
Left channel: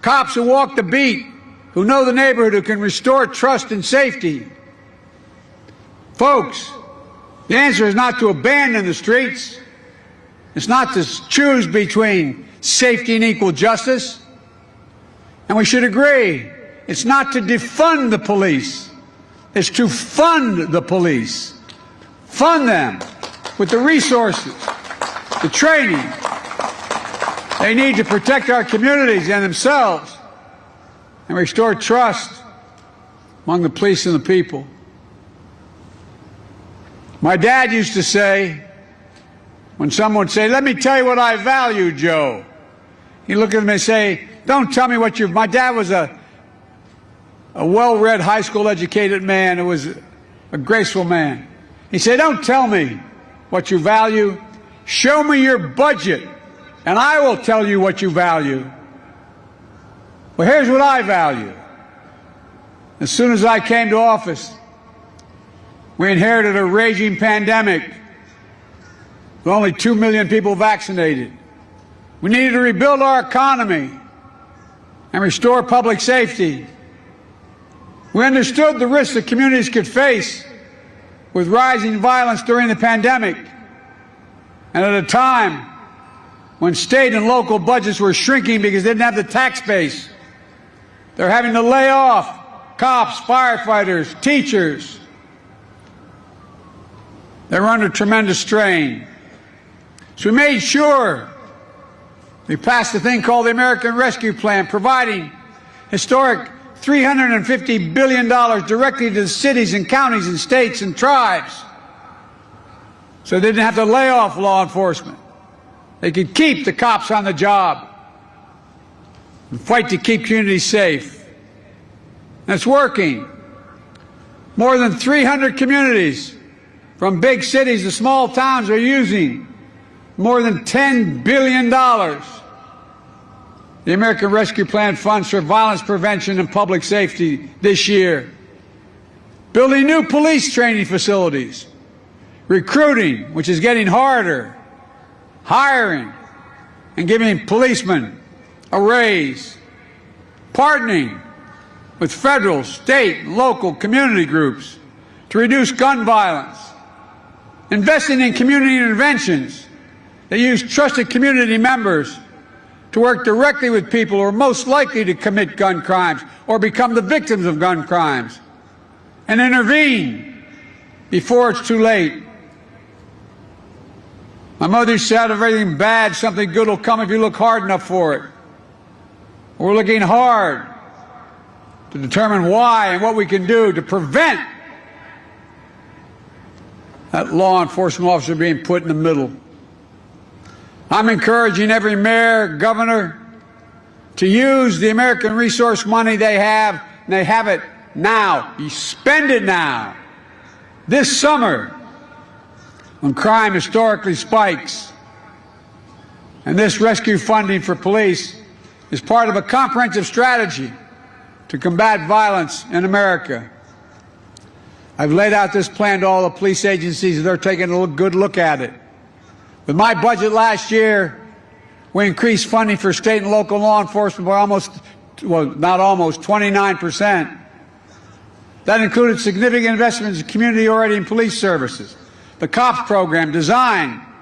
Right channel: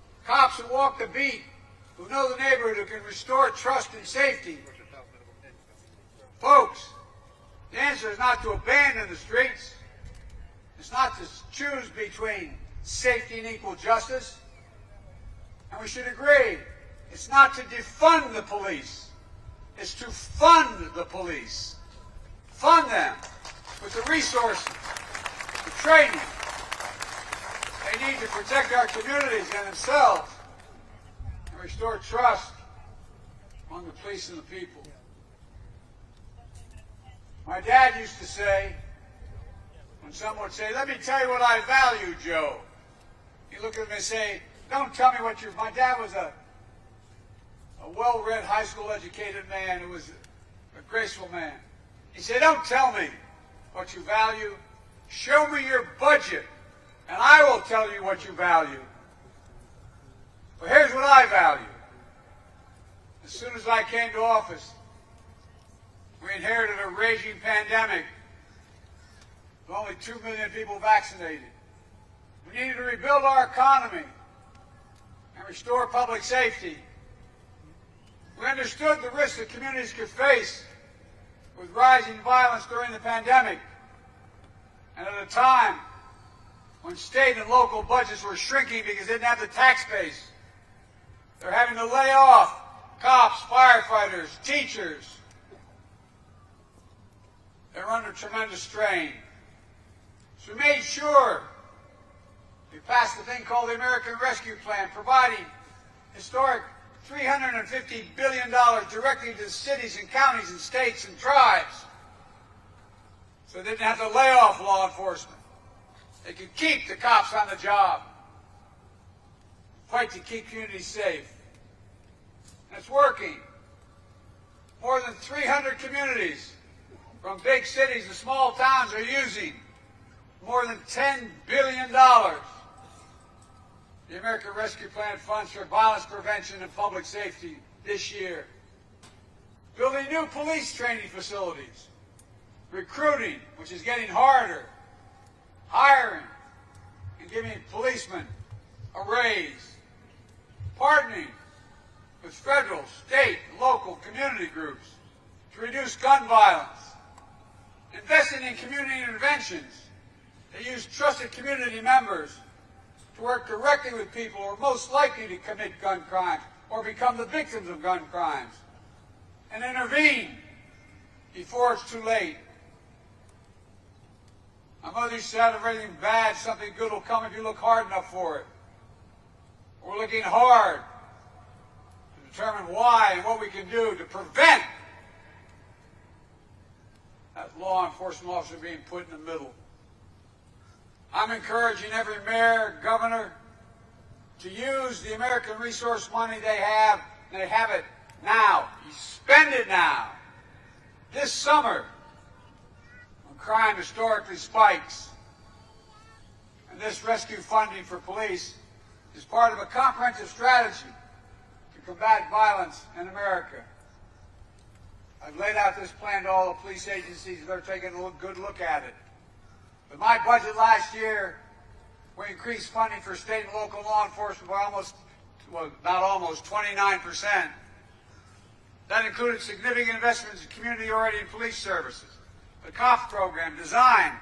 Cops who walk the beat, who know the neighborhood, who can restore trust and safety. Folks, the answer is not to abandon the streets. It's not to choose between safety and equal justice. And we should agree, it's not to defund the police. It's to fund the police. Fund them with the resources, the training they need to protect our communities and themselves and restore trust among the police and the people. My dad used to say, when someone would say, "Let me tell you what I value, Joe," he'd look at them and say, "Don't tell me what you..." My dad was a well-read, high school educated man who was a graceful man. He said, "Don't tell me what you value. Show me your budget, and I will tell you what you value." Well, here's what I value. As soon as I came to office, we inherited a raging pandemic with only 2 million people vaccinated. We needed to rebuild our economy and restore public safety. We understood the risks that communities could face with rising violence during the pandemic, and at a time when state and local budgets were shrinking because they didn't have the tax base. They're having to lay off cops, firefighters, teachers. They're under tremendous strain. So we made sure we passed a thing called the American Rescue Plan, providing historic $350 billion directly to the cities and counties and states and tribes, so they didn't have to lay off law enforcement. They could keep the cops on the job and fight to keep communities safe. And it's working. More than 300 communities, from big cities to small towns, are using more than $10 billion. The American Rescue Plan funds for violence prevention and public safety this year. Building new police training facilities. Recruiting, which is getting harder. Hiring and giving policemen a raise. Partnering with federal, state, local, community groups to reduce gun violence. Investing in community interventions that use trusted community members to work directly with people who are most likely to commit gun crimes or become the victims of gun crimes, and intervene before it's too late. My mother said, "If everything bad, something good will come if you look hard enough for it." We're looking hard to determine why and what we can do to prevent that law enforcement officer being put in the middle. I'm encouraging every mayor, governor, to use the American resource money they have, and they have it now. You spend it now. This summer, when crime historically spikes. And this rescue funding for police is part of a comprehensive strategy to combat violence in America. I've laid out this plan to all the police agencies, and they're taking a good look at it. With my budget last year, we increased funding for state and local law enforcement by almost, well, not almost, 29%. That included significant investments in community-oriented police services, the COPS program designed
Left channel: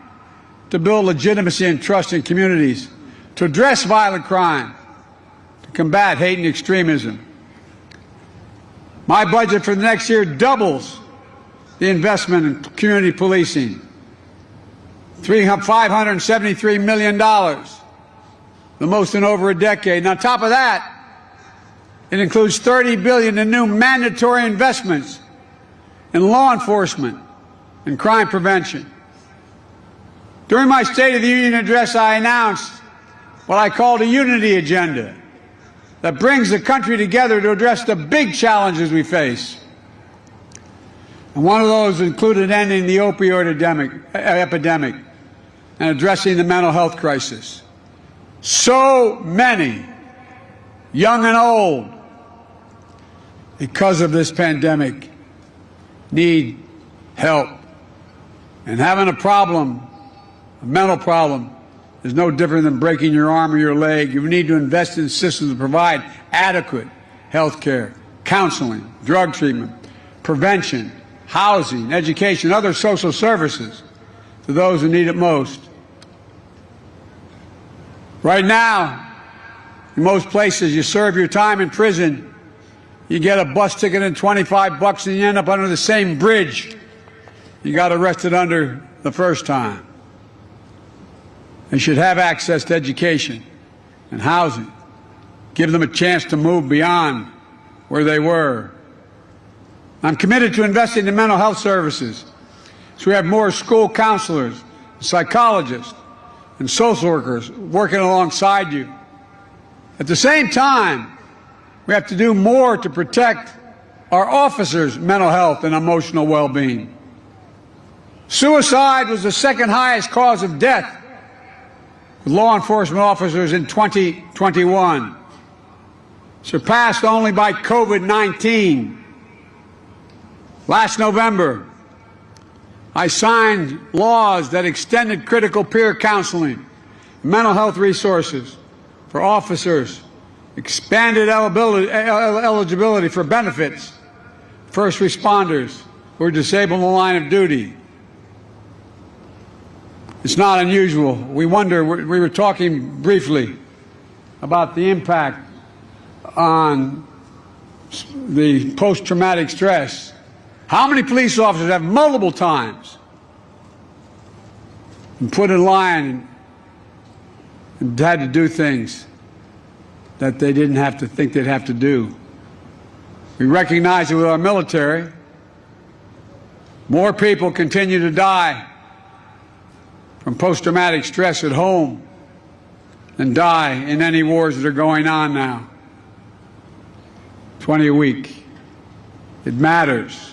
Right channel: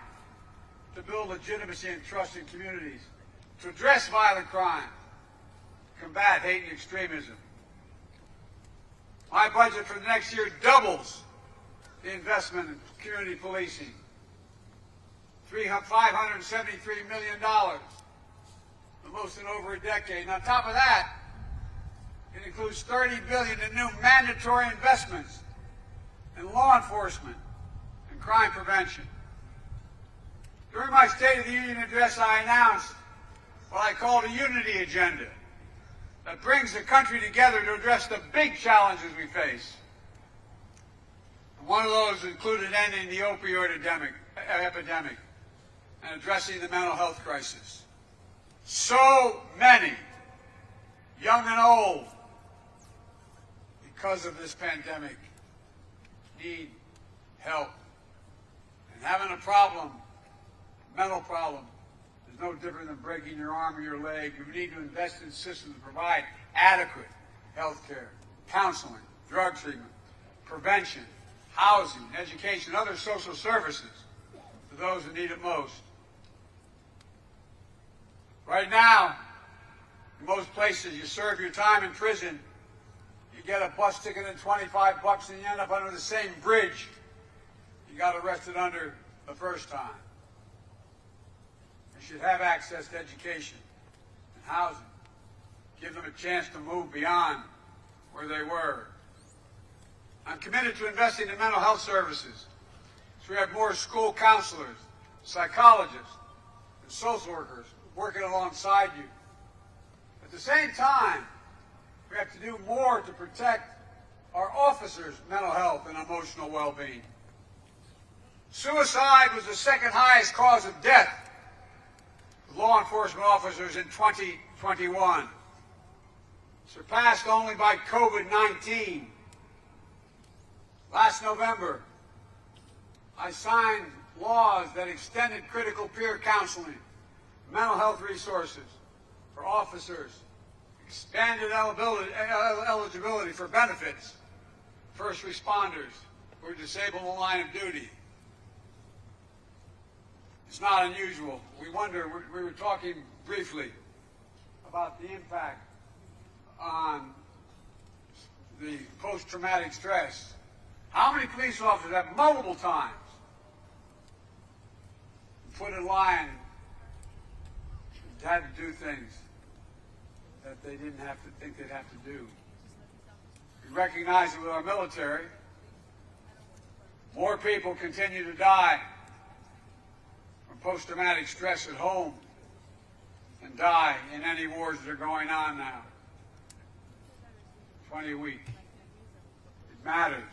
to build legitimacy and trust in communities, to address violent crime, to combat hate and extremism. My budget for the next year doubles the investment in community policing. $573 million, the most in over a decade. And on top of that, it includes $30 billion in new mandatory investments in law enforcement and crime prevention. During my State of the Union address, I announced what I called a unity agenda that brings the country together to address the big challenges we face. And one of those included ending the opioid epidemic and addressing the mental health crisis. So many, young and old, because of this pandemic, need help. And having a problem, a mental problem, is no different than breaking your arm or your leg. You need to invest in systems to provide adequate health care, counseling, drug treatment, prevention, housing, education, and other social services to those who need it most. Right now, in most places, you serve your time in prison, you get a bus ticket and $25, and you end up under the same bridge you got arrested under the first time. They should have access to education and housing. Give them a chance to move beyond where they were. I'm committed to investing in mental health services, so we have more school counselors, psychologists, and social workers working alongside you. At the same time, we have to do more to protect our officers' mental health and emotional well-being. Suicide was the second highest cause of death with law enforcement officers in 2021, surpassed only by COVID-19. Last November, I signed laws that extended critical peer counseling, mental health resources for officers, expanded eligibility for benefits, first responders who are disabled in the line of duty. It's not unusual. We wonder, we were talking briefly about the impact on the post-traumatic stress. How many police officers have multiple times been put in line and had to do things that they didn't have to think they'd have to do? We recognize that with our military, more people continue to die from post-traumatic stress at home than die in any wars that are going on now. 20 a week. It matters.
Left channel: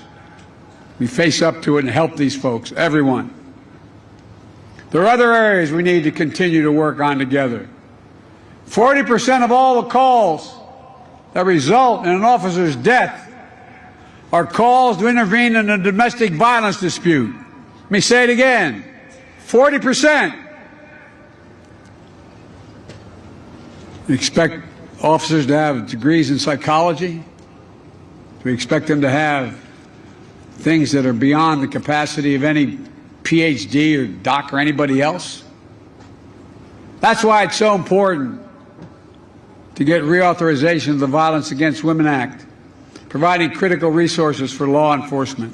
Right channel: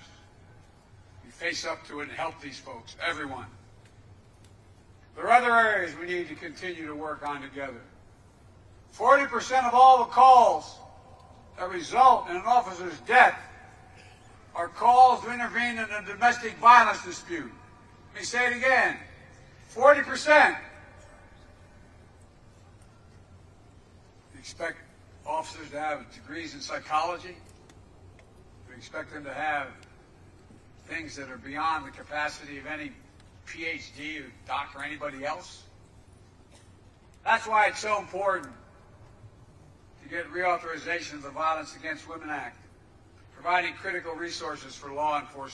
We face up to it and help these folks, everyone. There are other areas we need to continue to work on together. 40% of all the calls that result in an officer's death are calls to intervene in a domestic violence dispute. Let me say it again. 40%. We expect officers to have degrees in psychology. We expect them to have things that are beyond the capacity of any PhD or doc or anybody else. That's why it's so important to get reauthorization of the Violence Against Women Act, providing critical resources for law enforcement.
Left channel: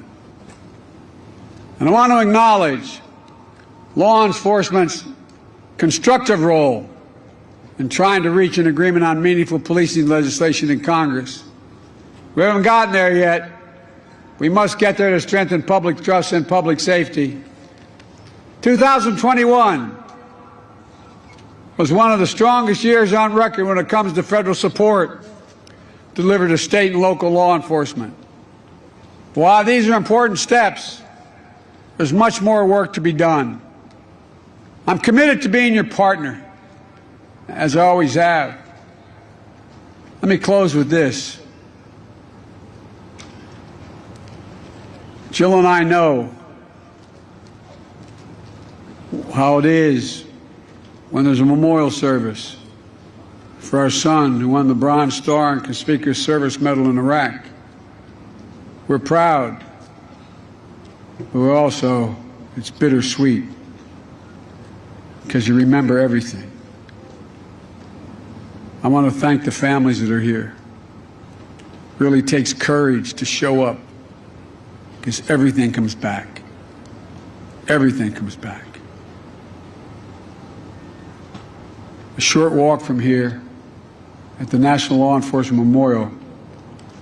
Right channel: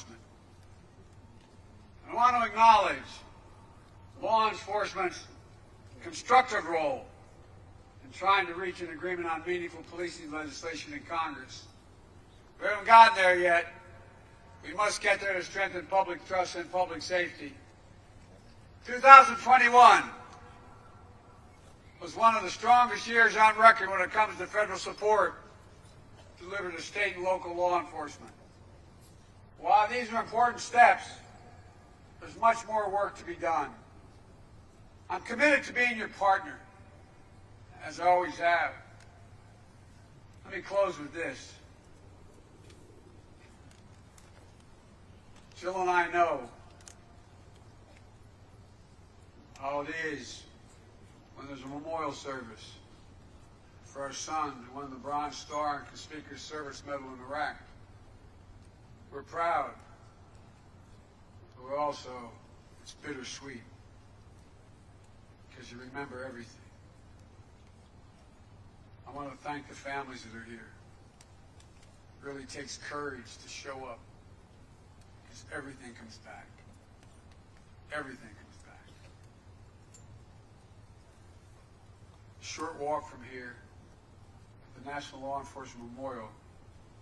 And I want to acknowledge law enforcement's constructive role in trying to reach an agreement on meaningful policing legislation in Congress. We haven't gotten there yet. We must get there to strengthen public trust and public safety. 2021 was one of the strongest years on record when it comes to federal support delivered to state and local law enforcement. While these are important steps, there's much more work to be done. I'm committed to being your partner, as I always have. Let me close with this. Jill and I know how it is when there's a memorial service for our son who won the Bronze Star and Conspicuous Service Medal in Iraq. We're proud, but we're also, it's bittersweet because you remember everything. I want to thank the families that are here. It really takes courage to show up because everything comes back. Everything comes back. A short walk from here, at the National Law Enforcement Memorial,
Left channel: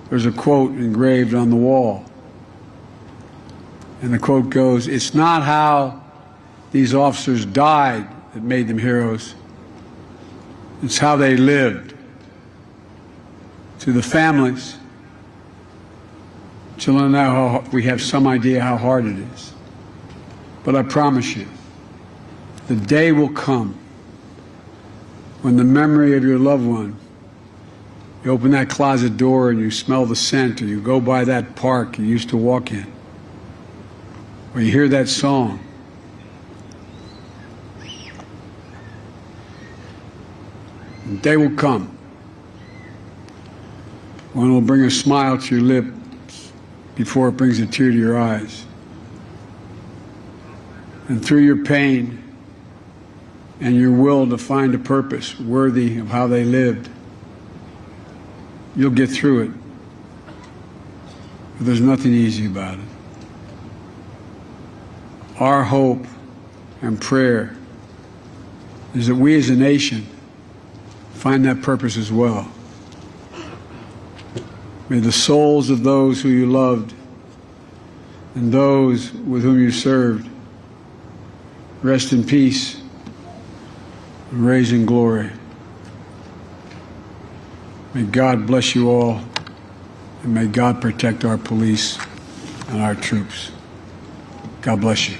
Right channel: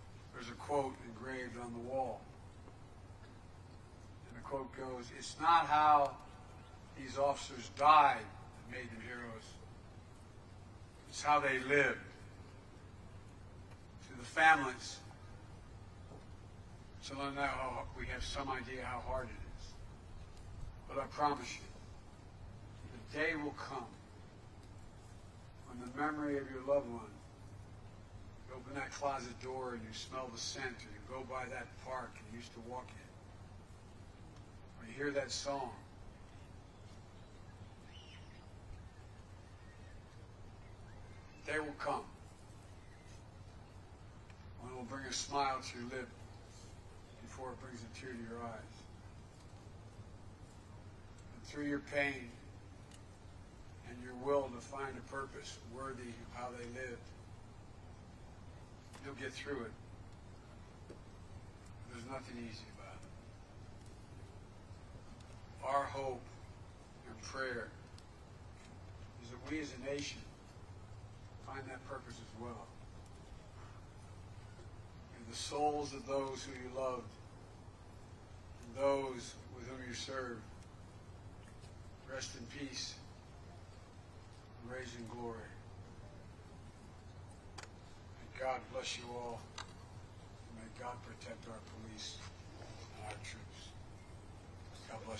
there's a quote engraved on the wall. And the quote goes, "It's not how these officers died that made them heroes. It's how they lived." To the families, children, now we have some idea how hard it is. But I promise you, the day will come when the memory of your loved one, you open that closet door and you smell the scent, or you go by that park you used to walk in, or you hear that song. The day will come when it will bring a smile to your lips before it brings a tear to your eyes. And through your pain and your will to find a purpose worthy of how they lived, you'll get through it. But there's nothing easy about it. Our hope and prayer is that we as a nation find that purpose as well. May the souls of those who you loved and those with whom you served rest in peace, and raise in glory. May God bless you all, and may God protect our police and our troops. God bless you.